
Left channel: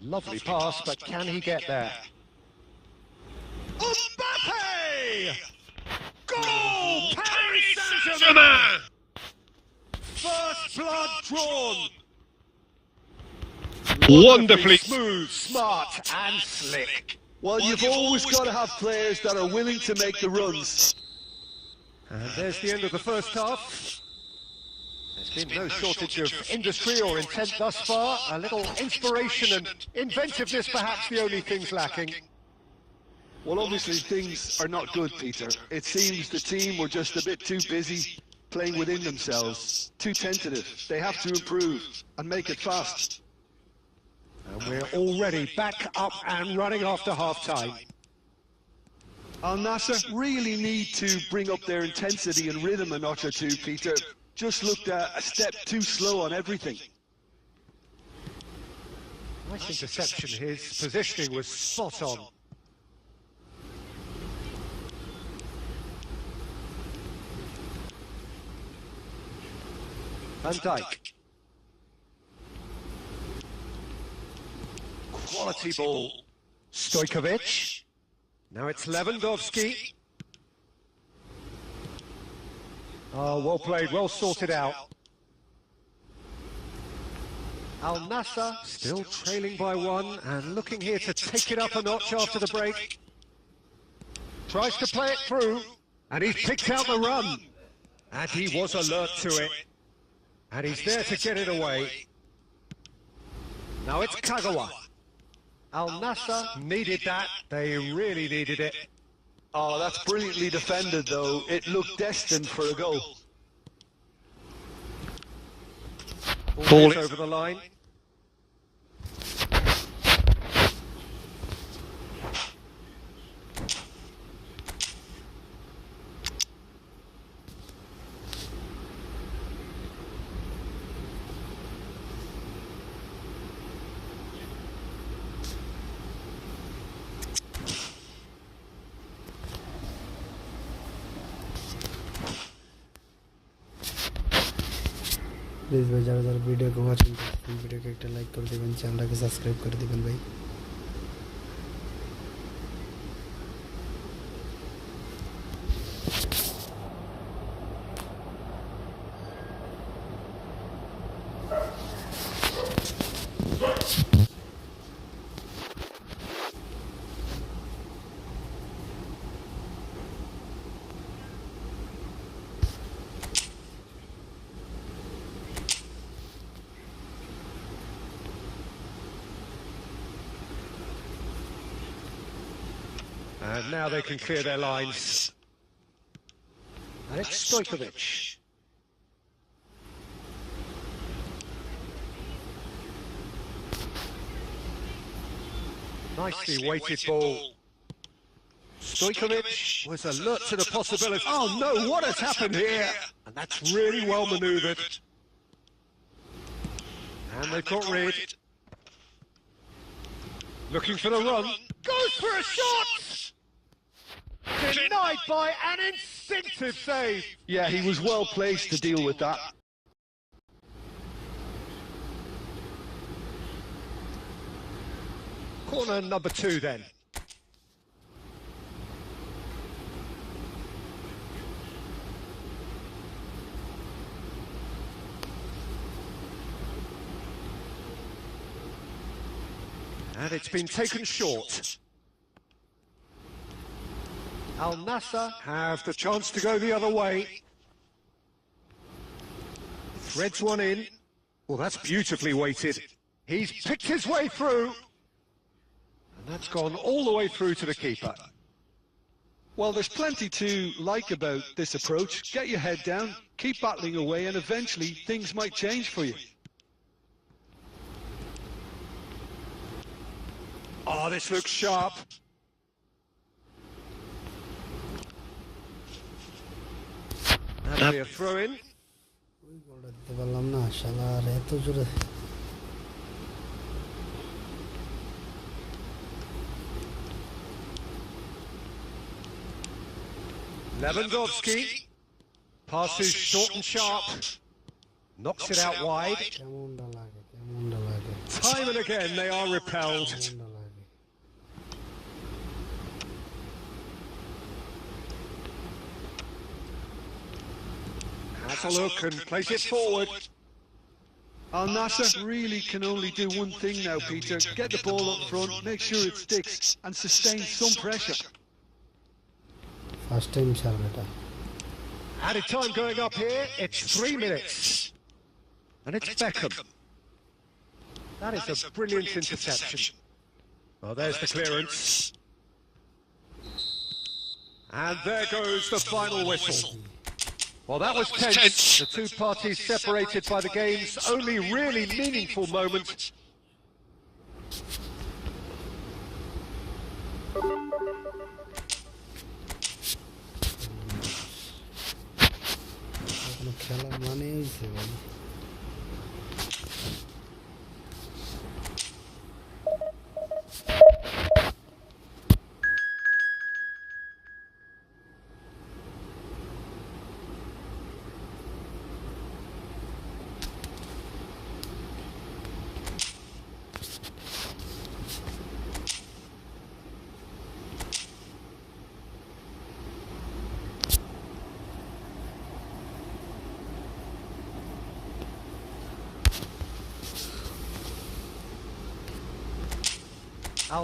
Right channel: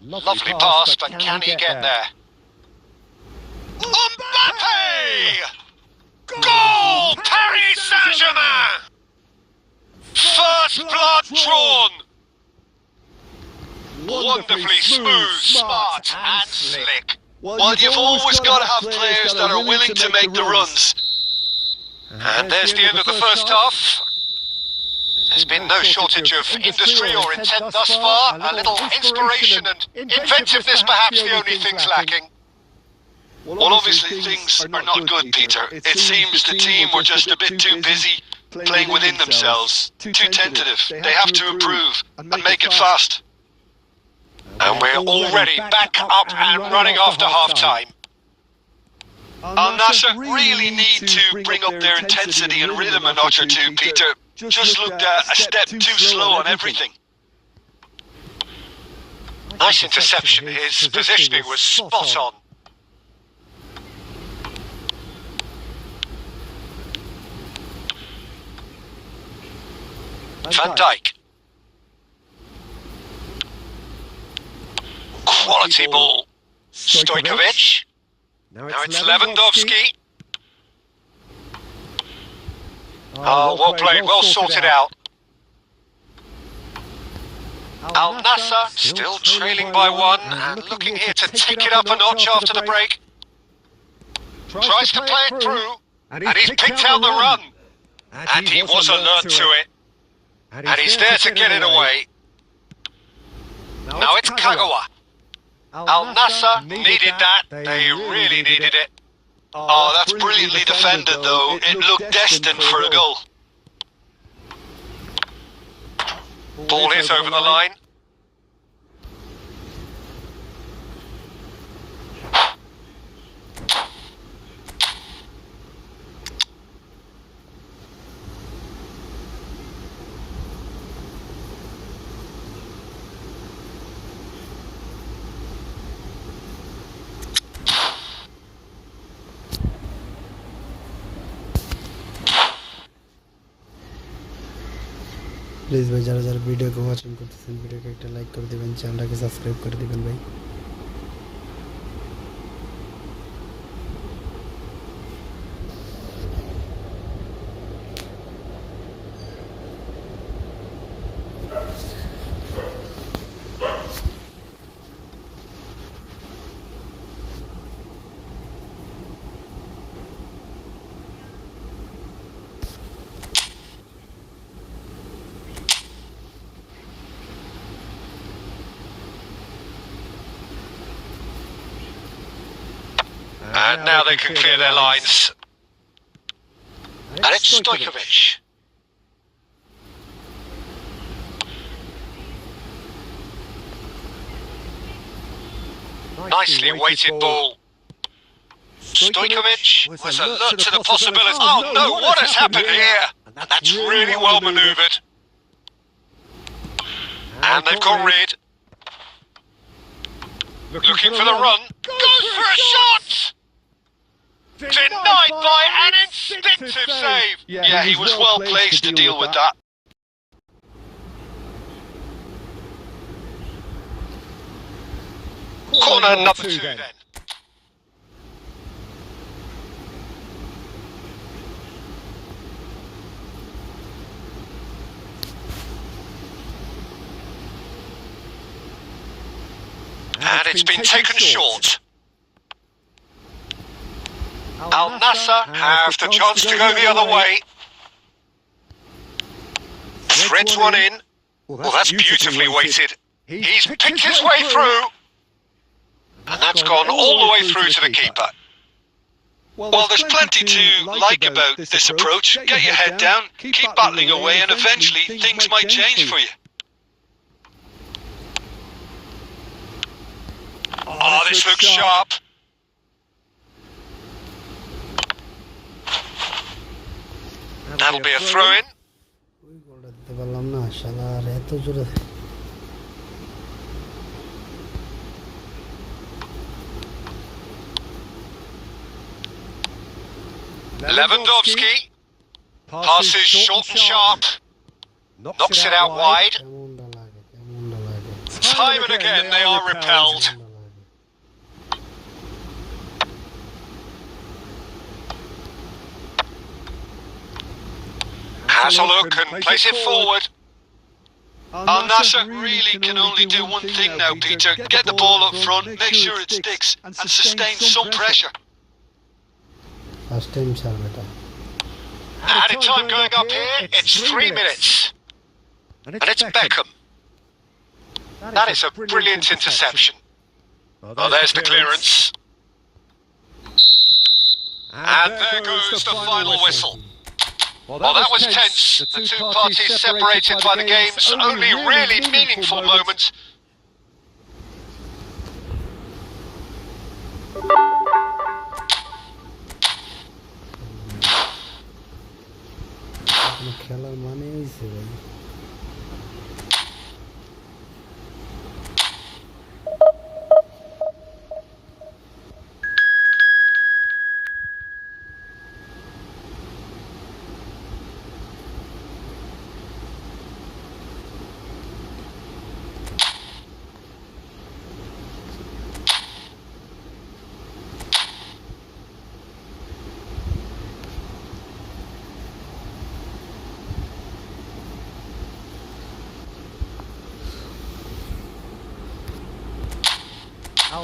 lovely pass, but can he get there? Mbappe! Goal! Paris Saint-Germain! First blood drawn! Wonderfully smooth, smart and slick. Well, you've always got to have players that are willing to make the runs. And there's the end of the first half. There's been no shortage of industry or intent thus far. A little inspiration and inventiveness perhaps the only things lacking. Well, obviously things are not good, Peter. It seems the team were just a bit too busy playing within themselves. Too tentative. They have to improve and make it fast. And we're already back up and running after half-time. Al-Nassr really need to bring up their intensity and rhythm a notch or two, Peter. Just looked at a step too slow on everything. Nice interception. His positioning was spot on. Van Dijk. Quality ball. Stojkovic. Now it's Lewandowski. Oh, well played, well sorted out. Al-Nassr still trailing by one and looking here to take it up a notch after the break. Tries to play it through, and he's picked out the run. And he was alert to it. And he's there to get it away. Now it's Kagawa. Al-Nassr needed that. They really needed it. Oh, that's brilliantly defended, though. It looked destined for a goal. Ball is over the line. Please ভাই যারা যারা ভিডিওকে watching করতেছেন ভিডিওকে একটা like করে দিবেন, চ্যানেলটাকে সাবস্ক্রাইব করে দিবেন ভাই। And now they can clear their lines. And it's Stojkovic. Nicely weighted ball. Stojkovic was alert to the possibility. Oh no, what has happened here? And that's really well manoeuvred. And they've got rid. Looking for the run. Goes for a shot! Denied by an instinctive save. Yeah, he was well placed to deal with that. Corner number 2 then. And it's been taken short. Al Nassr have the chance to go the other way. Threads one in. Well, that's beautifully weighted. He's picked his way through. And that's gone all the way through to the keeper. Well, there's plenty to like about this approach. Get your head down, keep battling away, and eventually things might change for you. Oh, this looks sharp. That'll be a throw-in. ওই গোলটা দিতে পারলাম না শালার, এত জোরে। Lewandowski passes short and sharp. Knocks it out wide. কেমনটা লাগে, কেমনটা লাগে, Time and again they are repelled. কেমনটা লাগে। Has a look and plays it forward. Al Nassr really can only do one thing now, Peter. Get the ball up front, make sure it sticks, and sustain some pressure. First time ছাড়বে এটা। Added time going up here, it's 3 minutes. And it's Beckham. That is a brilliant interception. Oh, there's the clearance. And there goes the final whistle. Well, that was tense. The two parties separated by the game's only really meaningful moments. খেলার মানে হয়েছে ভাই।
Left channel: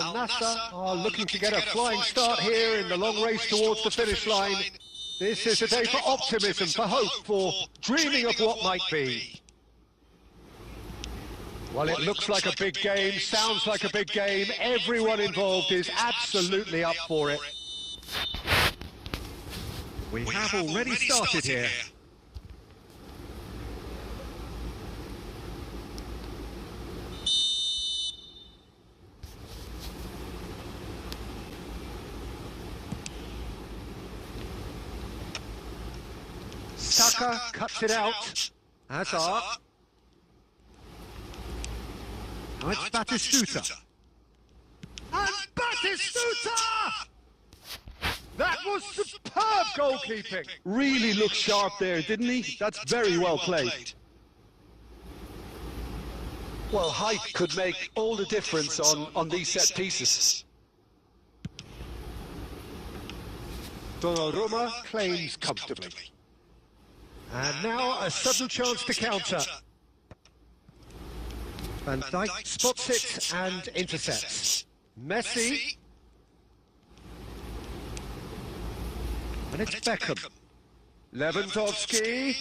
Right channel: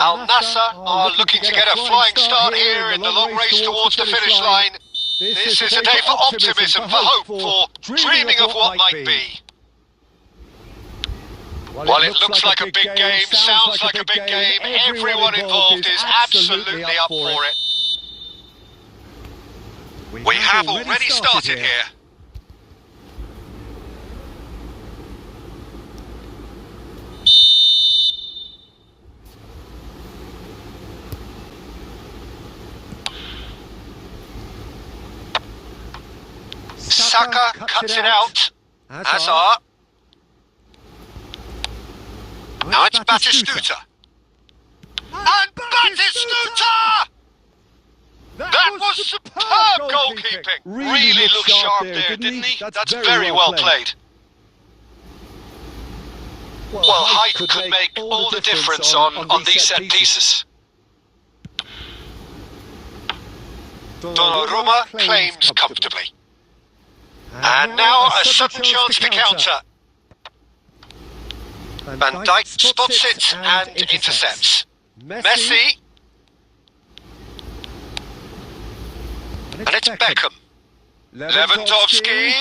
Al Nassr are looking to get a flying start here in the long race towards the finish line. This is a day for optimism, for hope, for dreaming of what might be. While it looks like a big game, sounds like a big game, everyone involved is absolutely up for it. We have already started here. Saka cuts it out. Hazard. Now it's Batistuta. And Batistuta! That was superb goalkeeping. Really looked sharp there, didn't he? That's very well played. Well, height could make all the difference on these set pieces. Donnarumma claims comfortably. And now a sudden chance to counter. Van Dijk spots it and intercepts. Messi. And it's Beckham. Lewandowski.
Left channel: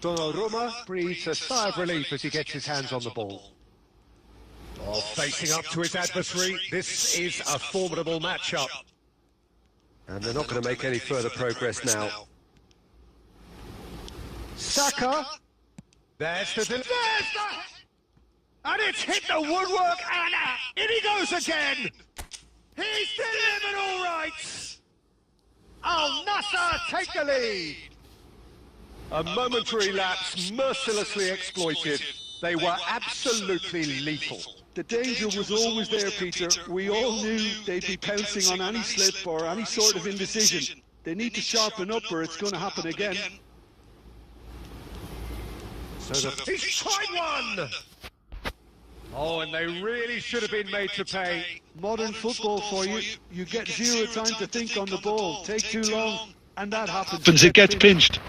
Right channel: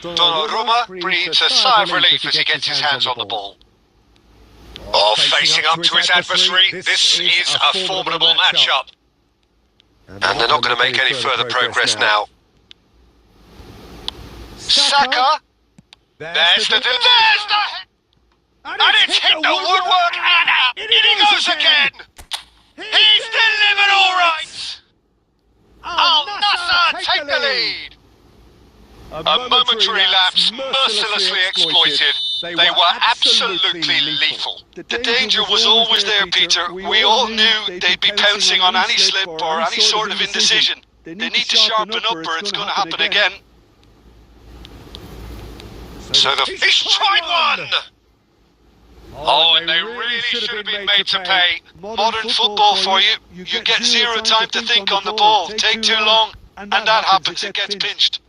Donnarumma breathes a sigh of relief as he gets his hands on the ball. Oh, facing up to his adversary, this is a formidable match-up. And they're not going to make any further progress now. Saka. There's the... And it's hit the woodwork, and it goes again! He's delivered all right! Al Nassr take the lead! A momentary lapse mercilessly exploited. They were absolutely lethal. The danger was always there, Peter. We all knew they'd be pouncing on any slip or any sort of indecision. They need to sharpen up or it's going to happen again. So the fish tried one! Oh, and they really should have been made to pay. Modern football for you. You get zero time to think on the ball. Take too long, and that happens. It gets pinched.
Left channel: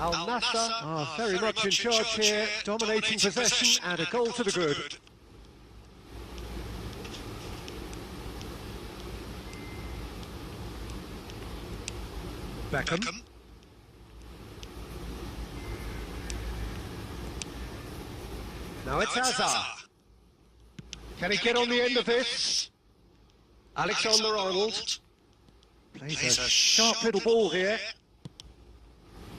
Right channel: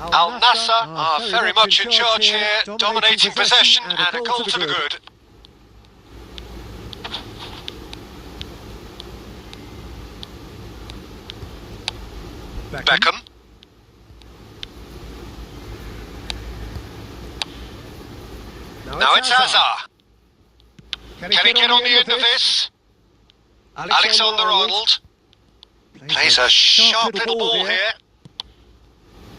Al Nassr are very much in charge here, dominating possession and a goal to the good. Beckham. Now it's Hazard. Can he get on the end of this? Alexander-Arnold plays a sharp little ball here.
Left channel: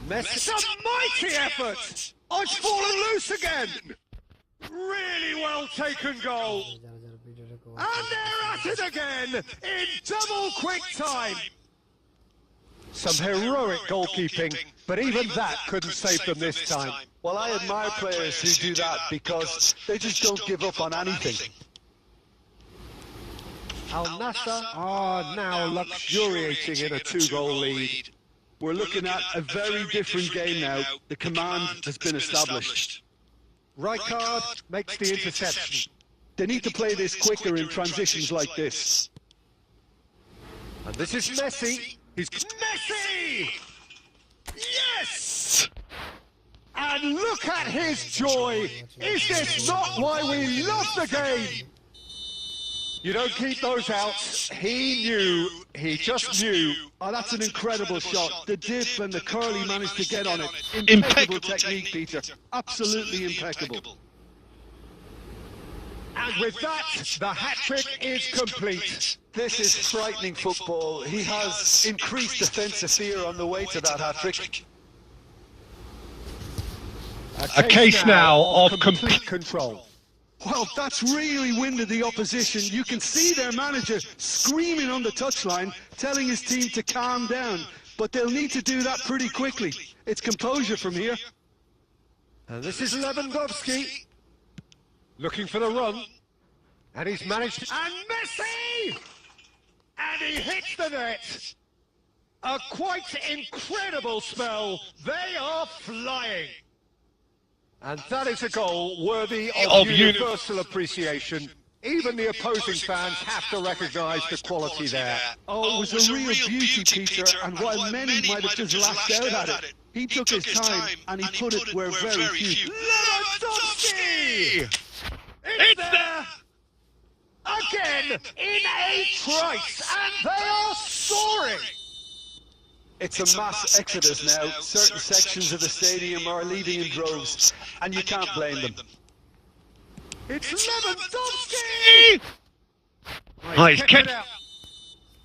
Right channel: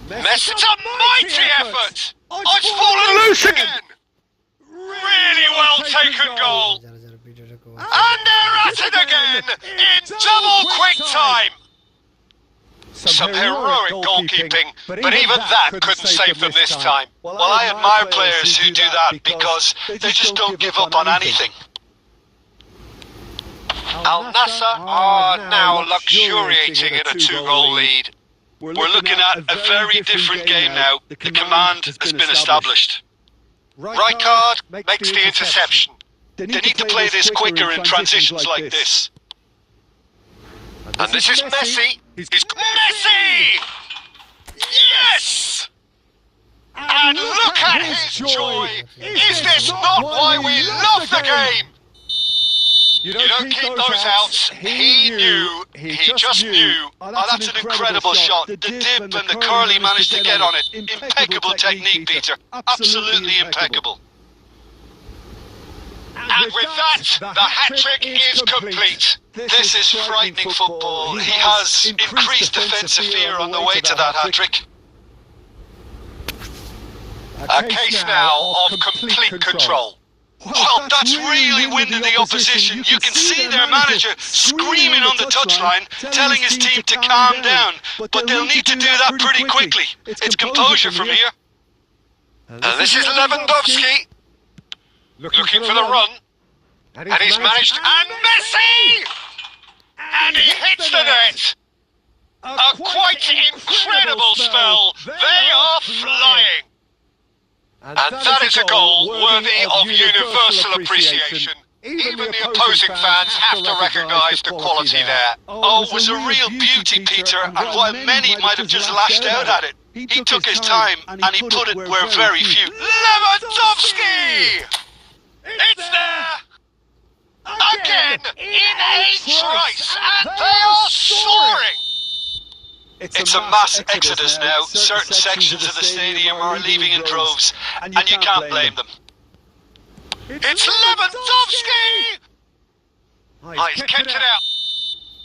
Messi, it's a mighty effort! Oh, it's fallen loose again! Really well taken goal! And they're at it again! In double quick time! Some heroic goalkeeping, but even that couldn't save them this time. Well, I admire players who do that because they just don't give up on anything. Al Nassr are now luxuriating in a 2-goal lead. We're looking at a very different game now. The command has been established. Rijkaard makes the interception. They need to play this quicker in transitions like this. And this is Messi. He's Messi! Yes! And look at his joy! Is this not why we love the game? You don't keep those outs. He knew. He just knew. Oh, that's an incredible shot. The dip and the curly managed to get on it. Impeccable technique, Peter. Absolutely impeccable. And with that, the hat-trick is complete. This is frightening football. He has increased defensive fear on the way to that hat-trick. A case now of complete control. Well, that's really winded the opposition. You can see their manager screaming on the touchline, telling his team to calm down. But they'll need to do that pretty quickly. It's composure from here. And this is Lewandowski. Looking for the run. And he's managed. And Messi! And hits the net! A quite incredible spell. They are flying. And that is a goal worthy of universal appreciation. Even the opposing fans have to recognise the quality there. Oh, it was a real beauty, Peter, and while many might have just lashed out at it, he took his time and he put it where very few. Lewandowski! It's there! Again! In a trice! And they are soaring! It's a mass exodus now. Certain sections of the stadium are leaving in droves, and you can't blame them. It's Lewandowski! Oh, he's kicked it out.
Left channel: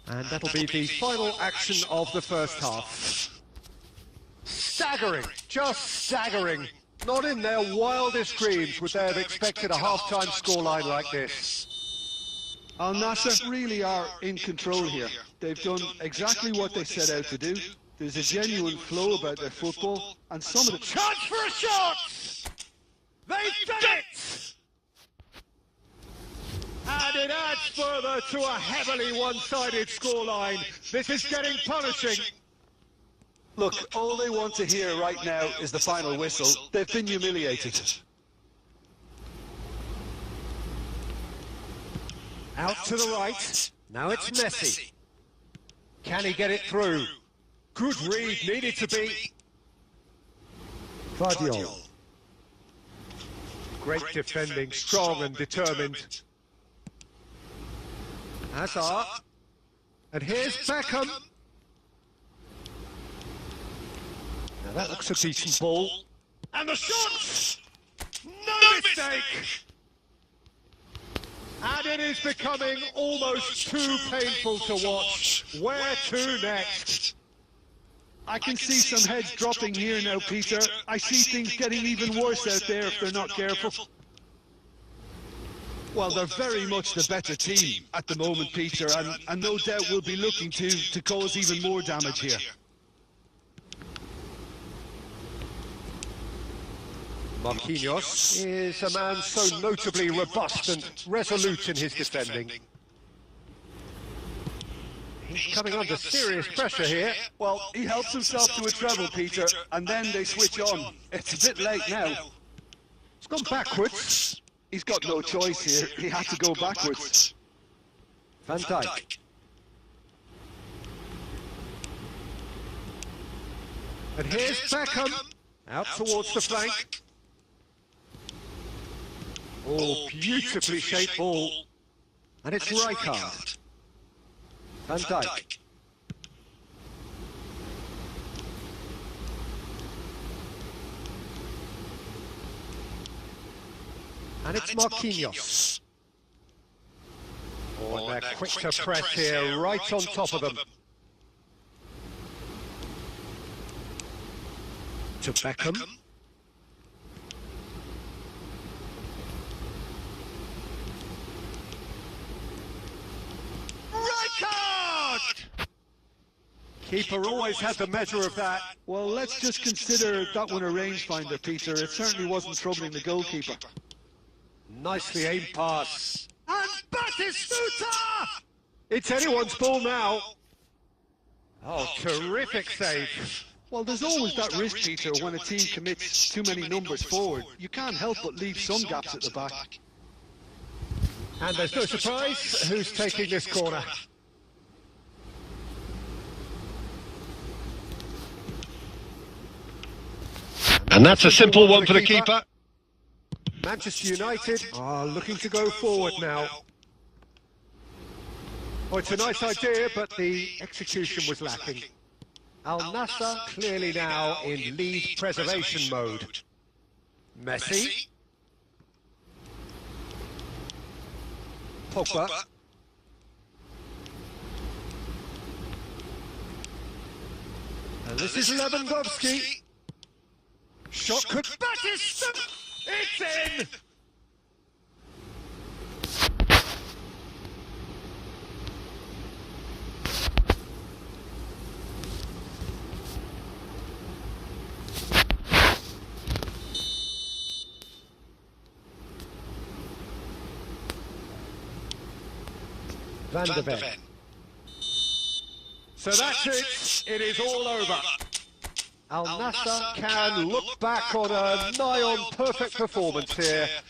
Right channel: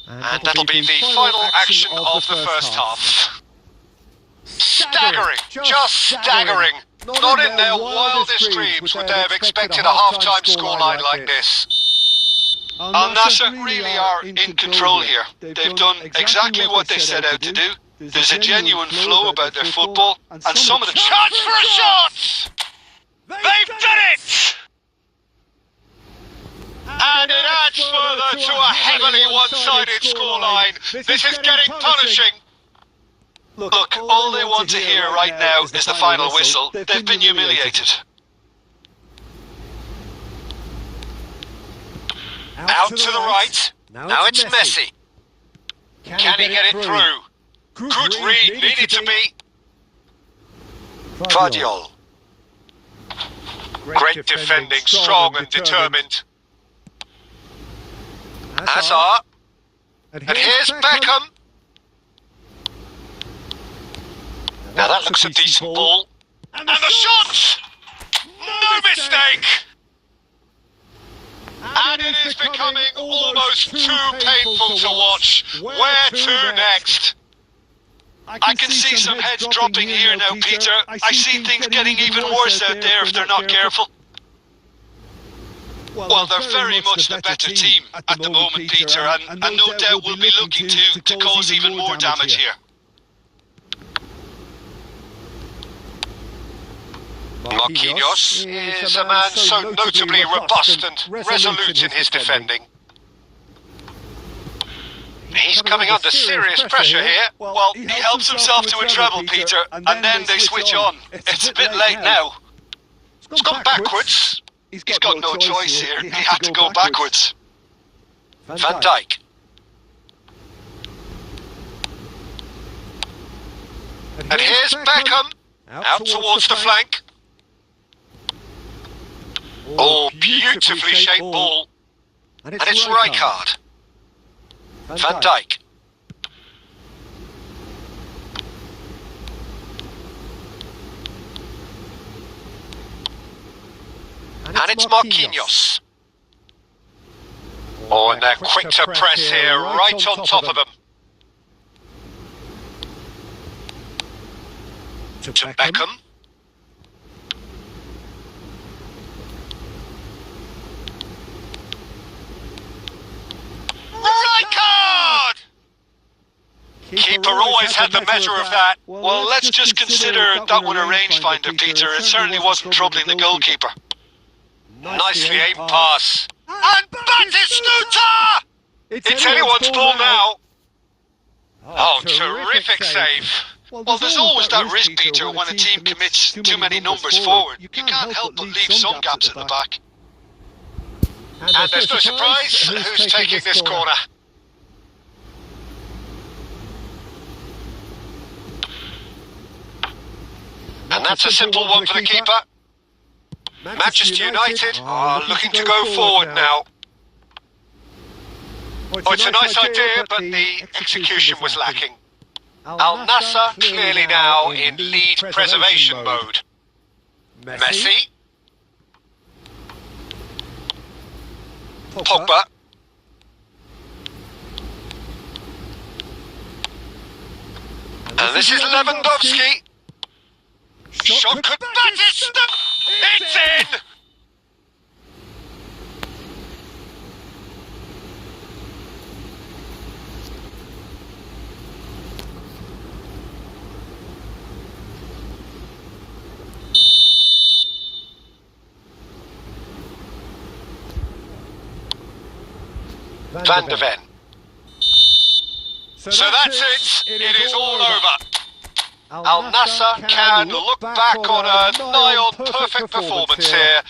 And that'll be the final action of the first half. Staggering, just staggering. Not in their wildest dreams would they have expected a half-time scoreline like this. Al Nassr really are in control here. They've done exactly what they set out to do. There's a genuine flow about their football, and some of the chance for shots! They've done it! And it adds further to a heavily one-sided scoreline. This is getting punishing. Look, all they want to hear right now is the final whistle. They've been humiliated. Out to the right. Now it's Messi. Can he get it through? Good read needed to be. Guardiola. Great defending, strong and determined. Hazard. And here's Beckham. Now that looks a decent ball. And the shot! No mistake! And it is becoming almost too painful to watch. Where to next? I can see some heads dropping here now, Peter. I see things getting even worse out there if they're not careful. Well, they're very much the better team at the moment, Peter, and no doubt we'll be looking to cause even more damage here. Marquinhos is a man so notably robust and resolute in his defending. He's coming under serious pressure here. Well, he helps himself to a treble, Peter, and then they switch on. It's a bit late now. It's gone backwards. He's got no choice here. He had to go backwards. Van Dijk. And here's Beckham. Out towards the flank. Oh, beautifully shaped ball. And it's Rijkaard. Van Dijk. And it's Marquinhos. Oh, and they're quick to press here, right on top of him. To Beckham. Rijkaard! Keeper always had the measure of that. Well, let's just consider that one a rangefinder, Peter. It certainly wasn't troubling the goalkeeper. Nicely aimed pass. And Batistuta! It's anyone's ball now. Oh, terrific save. Well, there's always that risk, Peter, when a team commits too many numbers forward. You can't help but leave some gaps at the back. And there's no surprise. Who's taking this corner? And that's a simple one for the keeper. Manchester United are looking to go forward now. Well, it's a nice idea, but the execution was lacking. Al Nassr clearly now in lead preservation mode. Messi. Pogba. And this is Lewandowski. Shot could Batistuta. It's in! Van de Ven. So that's it. It is all over. Al Nassr can look back on a nigh-on perfect performance here.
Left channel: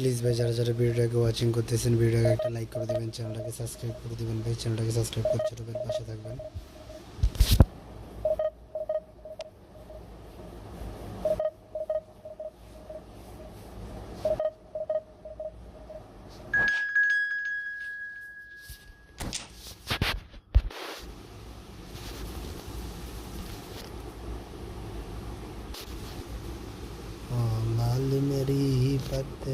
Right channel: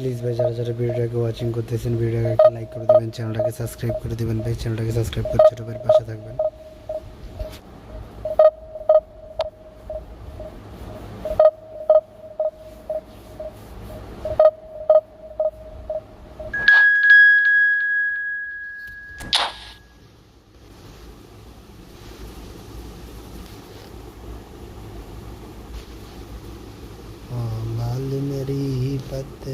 Please ভাই যারা যারা ভিডিওটাকে watching করতেছেন ভিডিওটাকে একটা like করে দেবেন, চ্যানেলটাকে সাবস্ক্রাইব করে দেবেন ভাই, চ্যানেলটাকে সাবস্ক্রাইব করে ছোট ভাইয়ের পাশে থাকবেন। लाल मेरी पत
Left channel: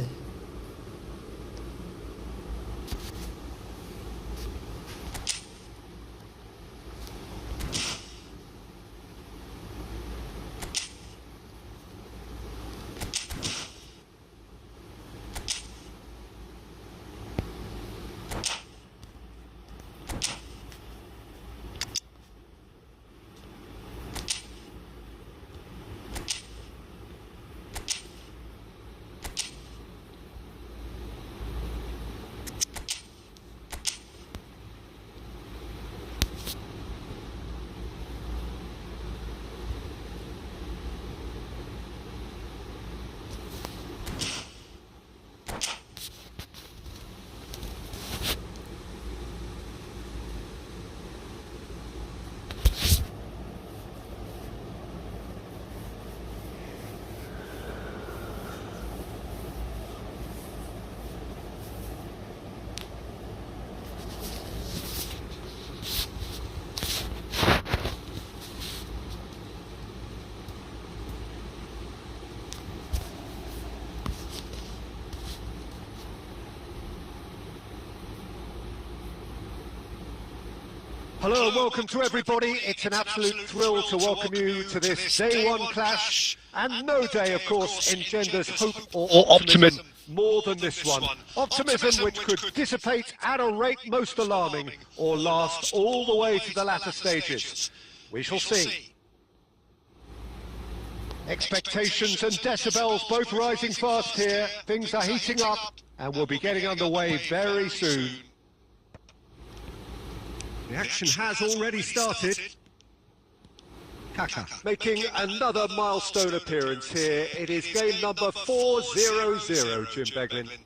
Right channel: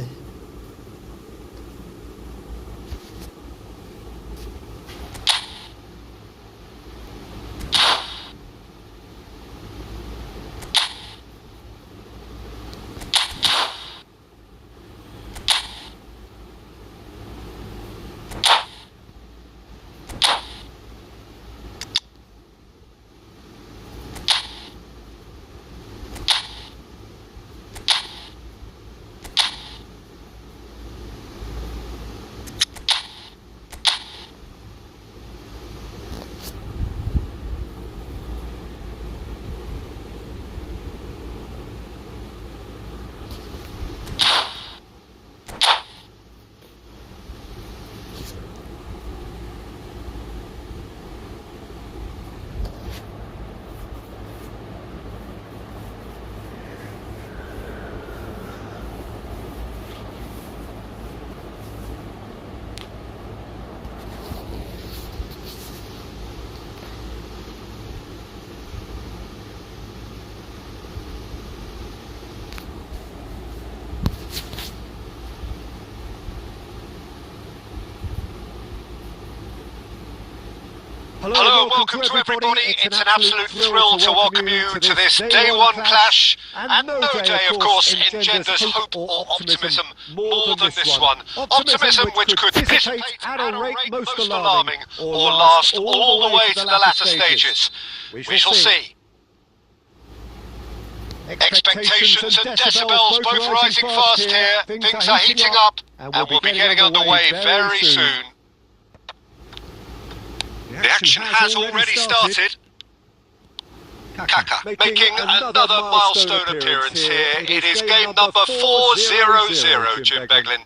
Hello and welcome to everybody. It's an absolute thrill to welcome you to this day one clash. And no day, of course, engenders hope or optimism more than this one. Optimism which could dissipate at a rate most alarming or last all the way to the latter stages. We shall see. Expectations and decibels both rising fast here. Things are heating up and we'll be getting underway very soon. The action has already started. Kaka making another milestone appearance here. It is game number 400, Jim Beglin.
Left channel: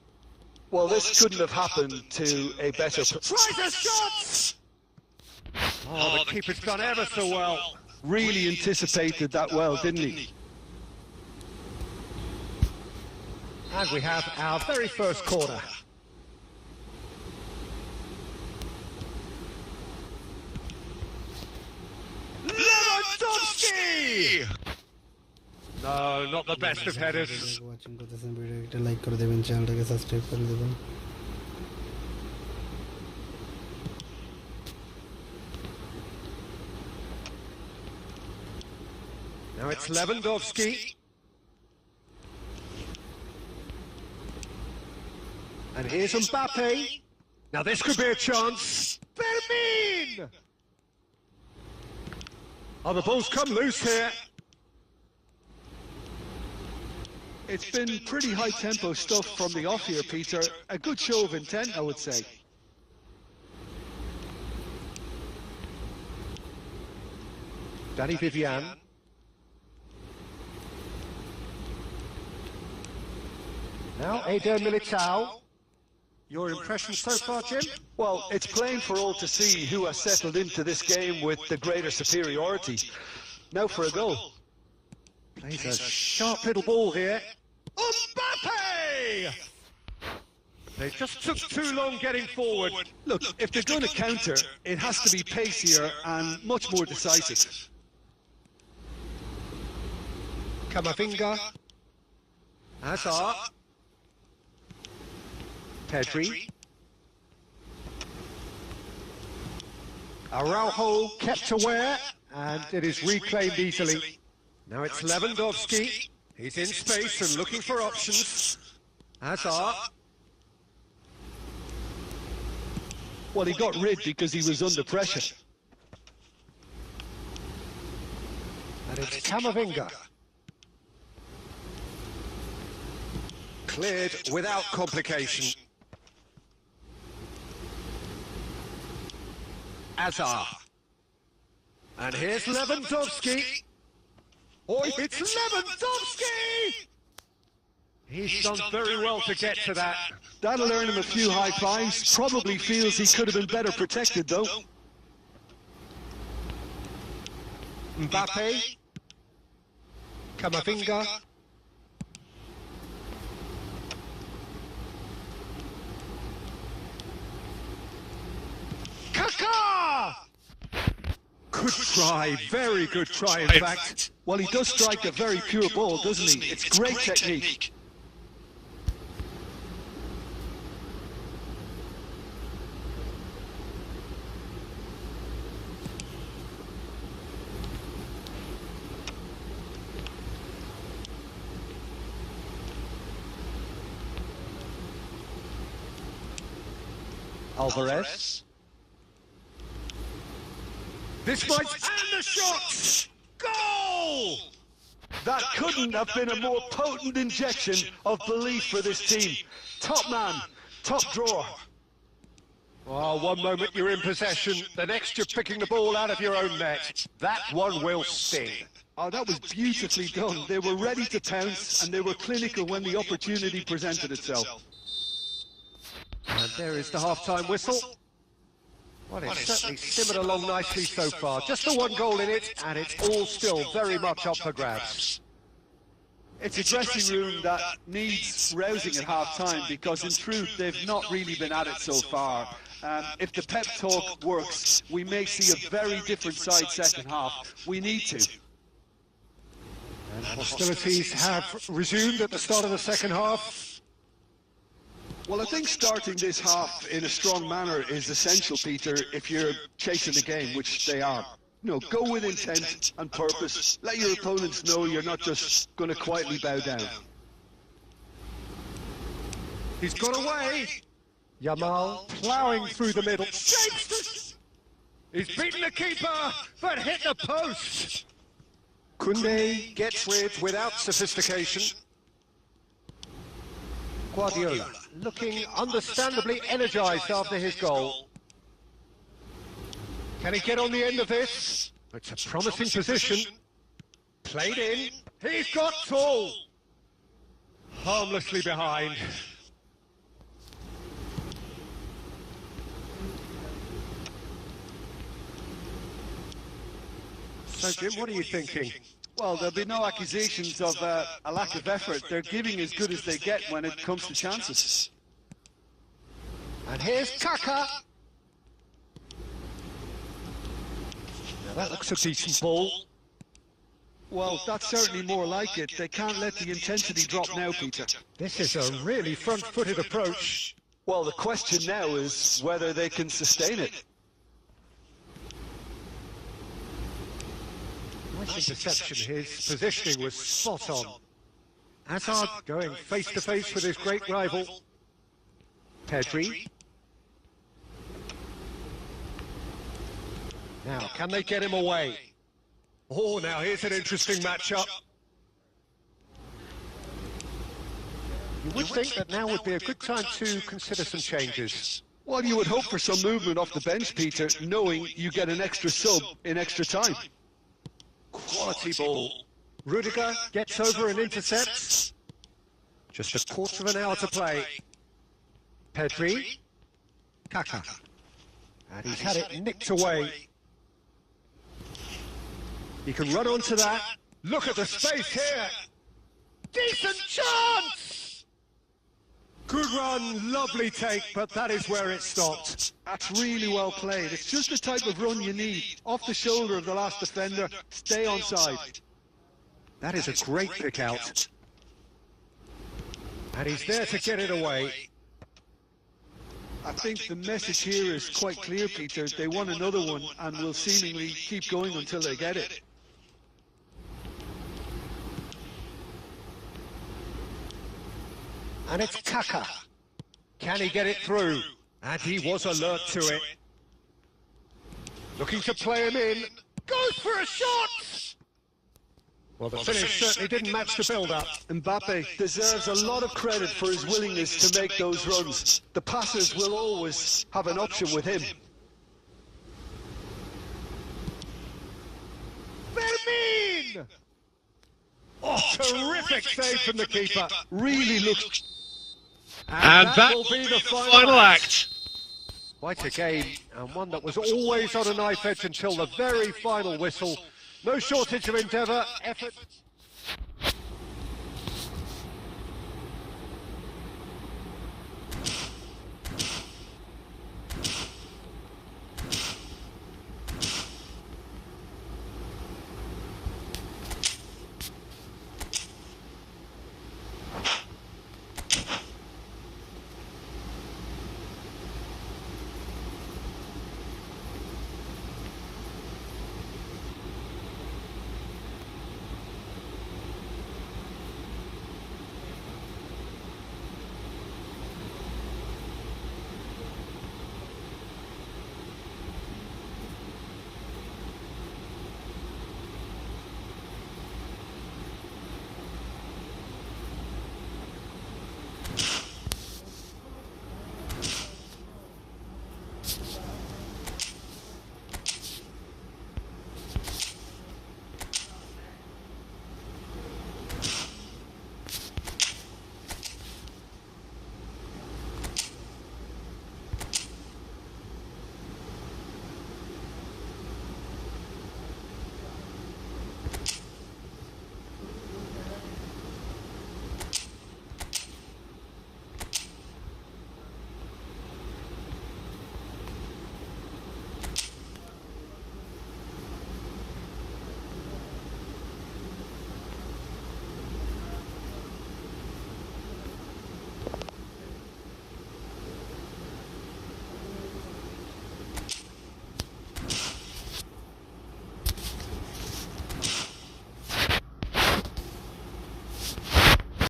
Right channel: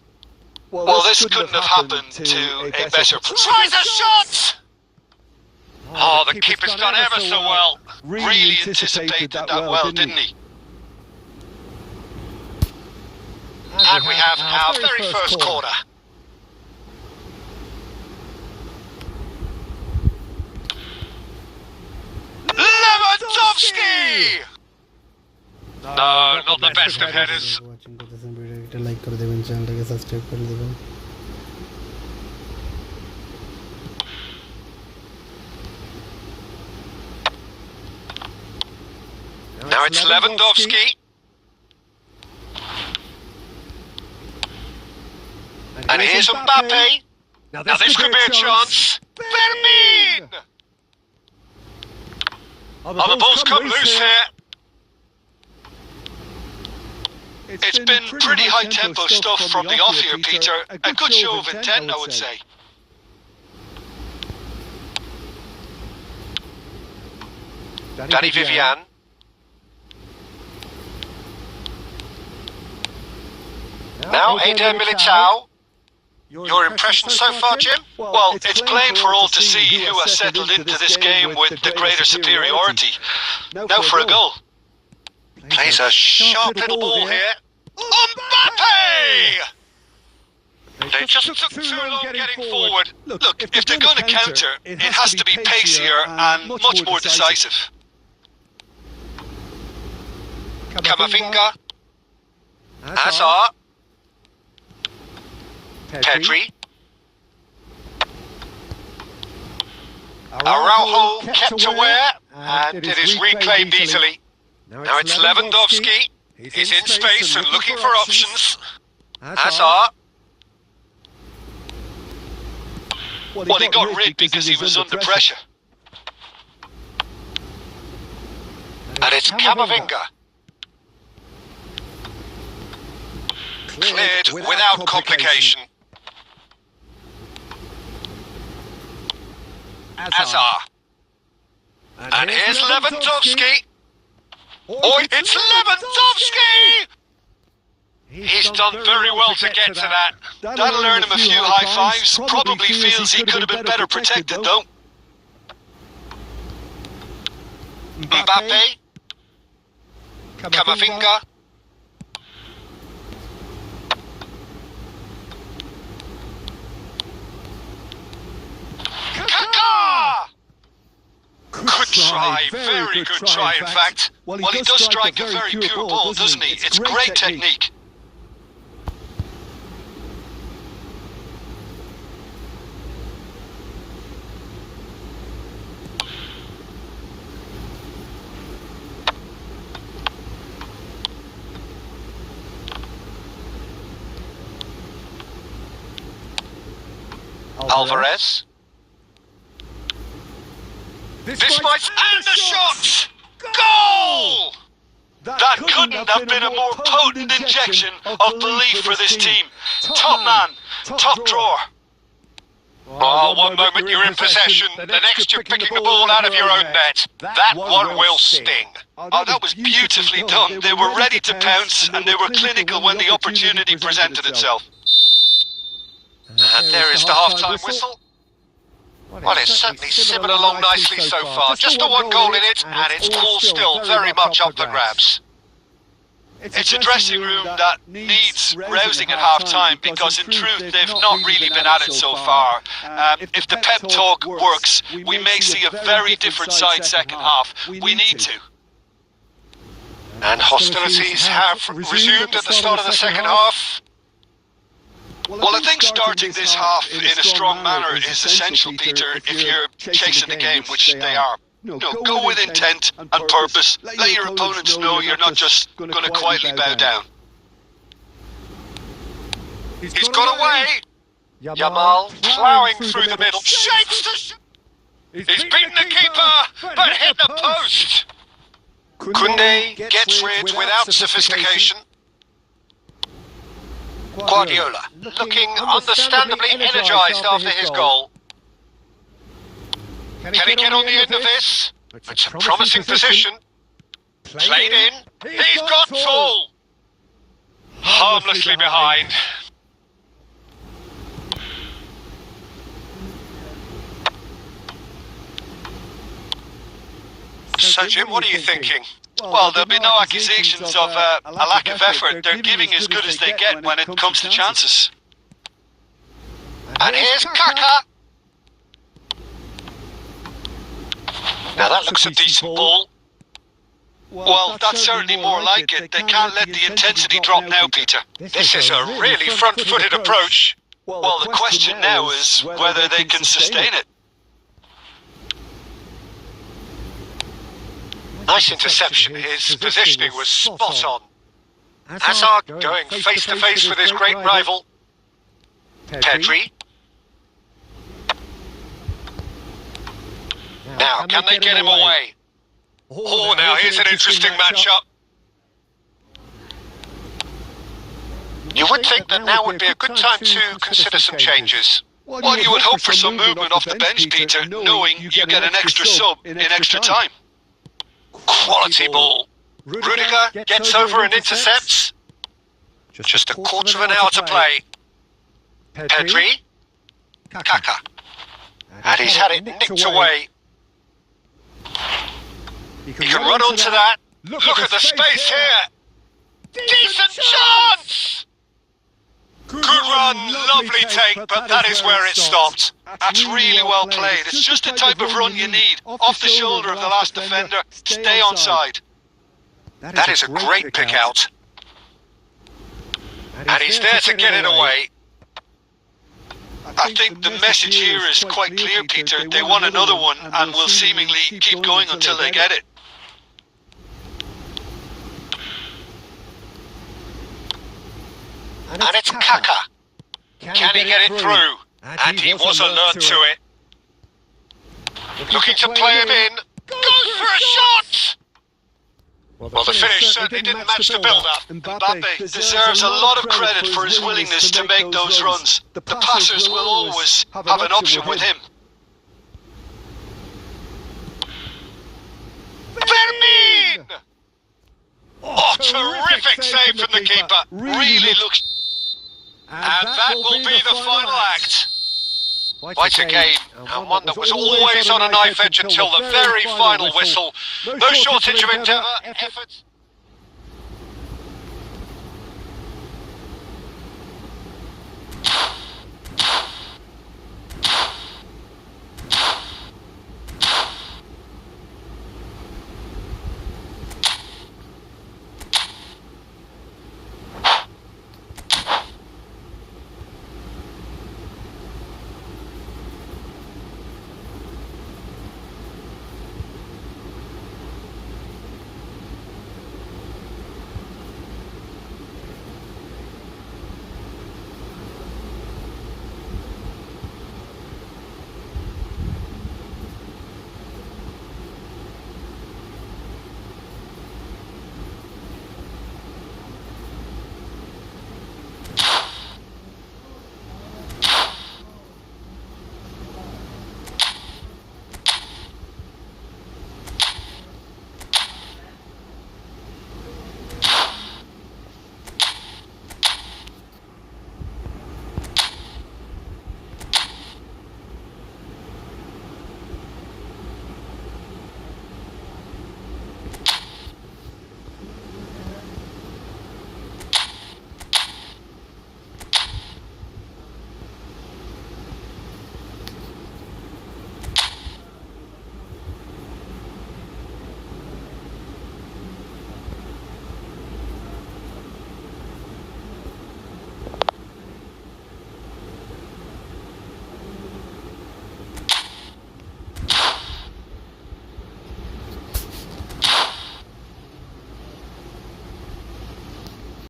Well, this couldn't have happened to a better Tries a shot! Oh, the keeper's done ever so well. Really anticipated that well, didn't he? And we have our very first corner. No, not the best of headers. Watching করতেছেন ভিডিওটাকে একটা like করে দেবেন, চ্যানেলটাকে subscribe করে দেবেন। Now it's Lewandowski. And here's Mbappe. Now this could be a chance. Berlin! Oh, the ball's come loose here. It's been pretty high-tempo stuff from the off here, Peter. A good show of intent, I would say. Danny Vivian. Now Eder Militao. Your impression so far, Jim? Well, it's plain for all to see who has settled into this game with the greater superiority. Now for a goal. Plays a sharp little ball here. Mbappe! They just took too long getting forward. Look, if they're going to counter, it has to be pacier and much more decisive. Camavinga. Hazard. Pedri. Araujo kept aware and it is replayed easily. Now it's Lewandowski. He's in space and looking for options. Hazard. Well, he got rid because he was under pressure. And it's Camavinga. Cleared without complication. Hazard. And here's Lewandowski. Oh, it's Lewandowski! He's done very well to get to that. That'll earn him a few high fives. Probably feels he could have been better protected, though. Mbappe. Camavinga. Kaká! Good try, very good try, in fact. Well, he does strike a very pure ball, doesn't he? It's great technique. Alvarez. This might and the shot! Goal! That couldn't have been a more potent injection of belief for this team. Top man, top drawer. Oh, one moment you're in possession, the next you're picking the ball out of your own net. That one will sting. Oh, that was beautifully done. They were ready to pounce and they were clinical when the opportunity presented itself. And there is the half-time whistle. Well, it's certainly simmered along nicely so far. Just the one goal in it, and it's all still very much up for grabs. It's a dressing room that needs rousing at half-time because in truth they've not really been at it so far. If the pep talk works, we may see a very different side second half. We need to. And hostilities have resumed at the start of the second half. Well, I think starting this half in a strong manner is essential, Peter, if you're chasing the game, which they are. No, go with intent and purpose. Let your opponents know you're not just going to quietly bow down. He's got away. Yamal plowing through the middle. He's beaten the keeper, but hit the post. Koundé gets rid without sophistication. Guardiola, looking understandably energised after his goal. Can he get on the end of this? It's a promising position. Played in. He's got tall. Harmlessly behind. So, Jim, what are you thinking? Well, there'll be no accusations of a lack of effort. They're giving as good as they get when it comes to chances. And here's Kaká. Now that looks a decent ball. Well, that's certainly more like it. They can't let the intensity drop now, Peter. This is a really front-footed approach. Well, the question now is whether they can sustain it. Nice interception. His positioning was spot on. Hazard going face to face with his great rival. Pedri. Now, can they get him away? Oh, now here's an interesting matchup. You would think that now would be a good time to consider some changes. Well, you would hope for some movement off the bench, Peter, knowing you get an extra sub in extra time. Quality ball. Rudiger gets over and intercepts. Just a quarter of an hour to play. Pedri. Kaká. And he's had it nicked away. He can run onto that. Look at the space here. Decent chance! Good run, lovely take, but that is where it stopped. That's really well played. It's just the type of run you need. Off the shoulder of the last defender, stay onside. That is a great pick out. And he's there to get it away. I think the message here is quite clear, Peter. They want another one and will seemingly keep going until they get it. And it's Kaká. Can he get it through? And he was alert to it. Looking to play him in. Goes for a shot! Well, the finish certainly didn't match the build-up. Mbappe deserves a lot of credit for his willingness to make those runs. The passers will always have an option with him. Fermin! Oh, terrific save from the keeper. Really looks... And that will be the final act. Quite a game, and one that was always on a knife edge until the very final whistle. No shortage of endeavour, effort.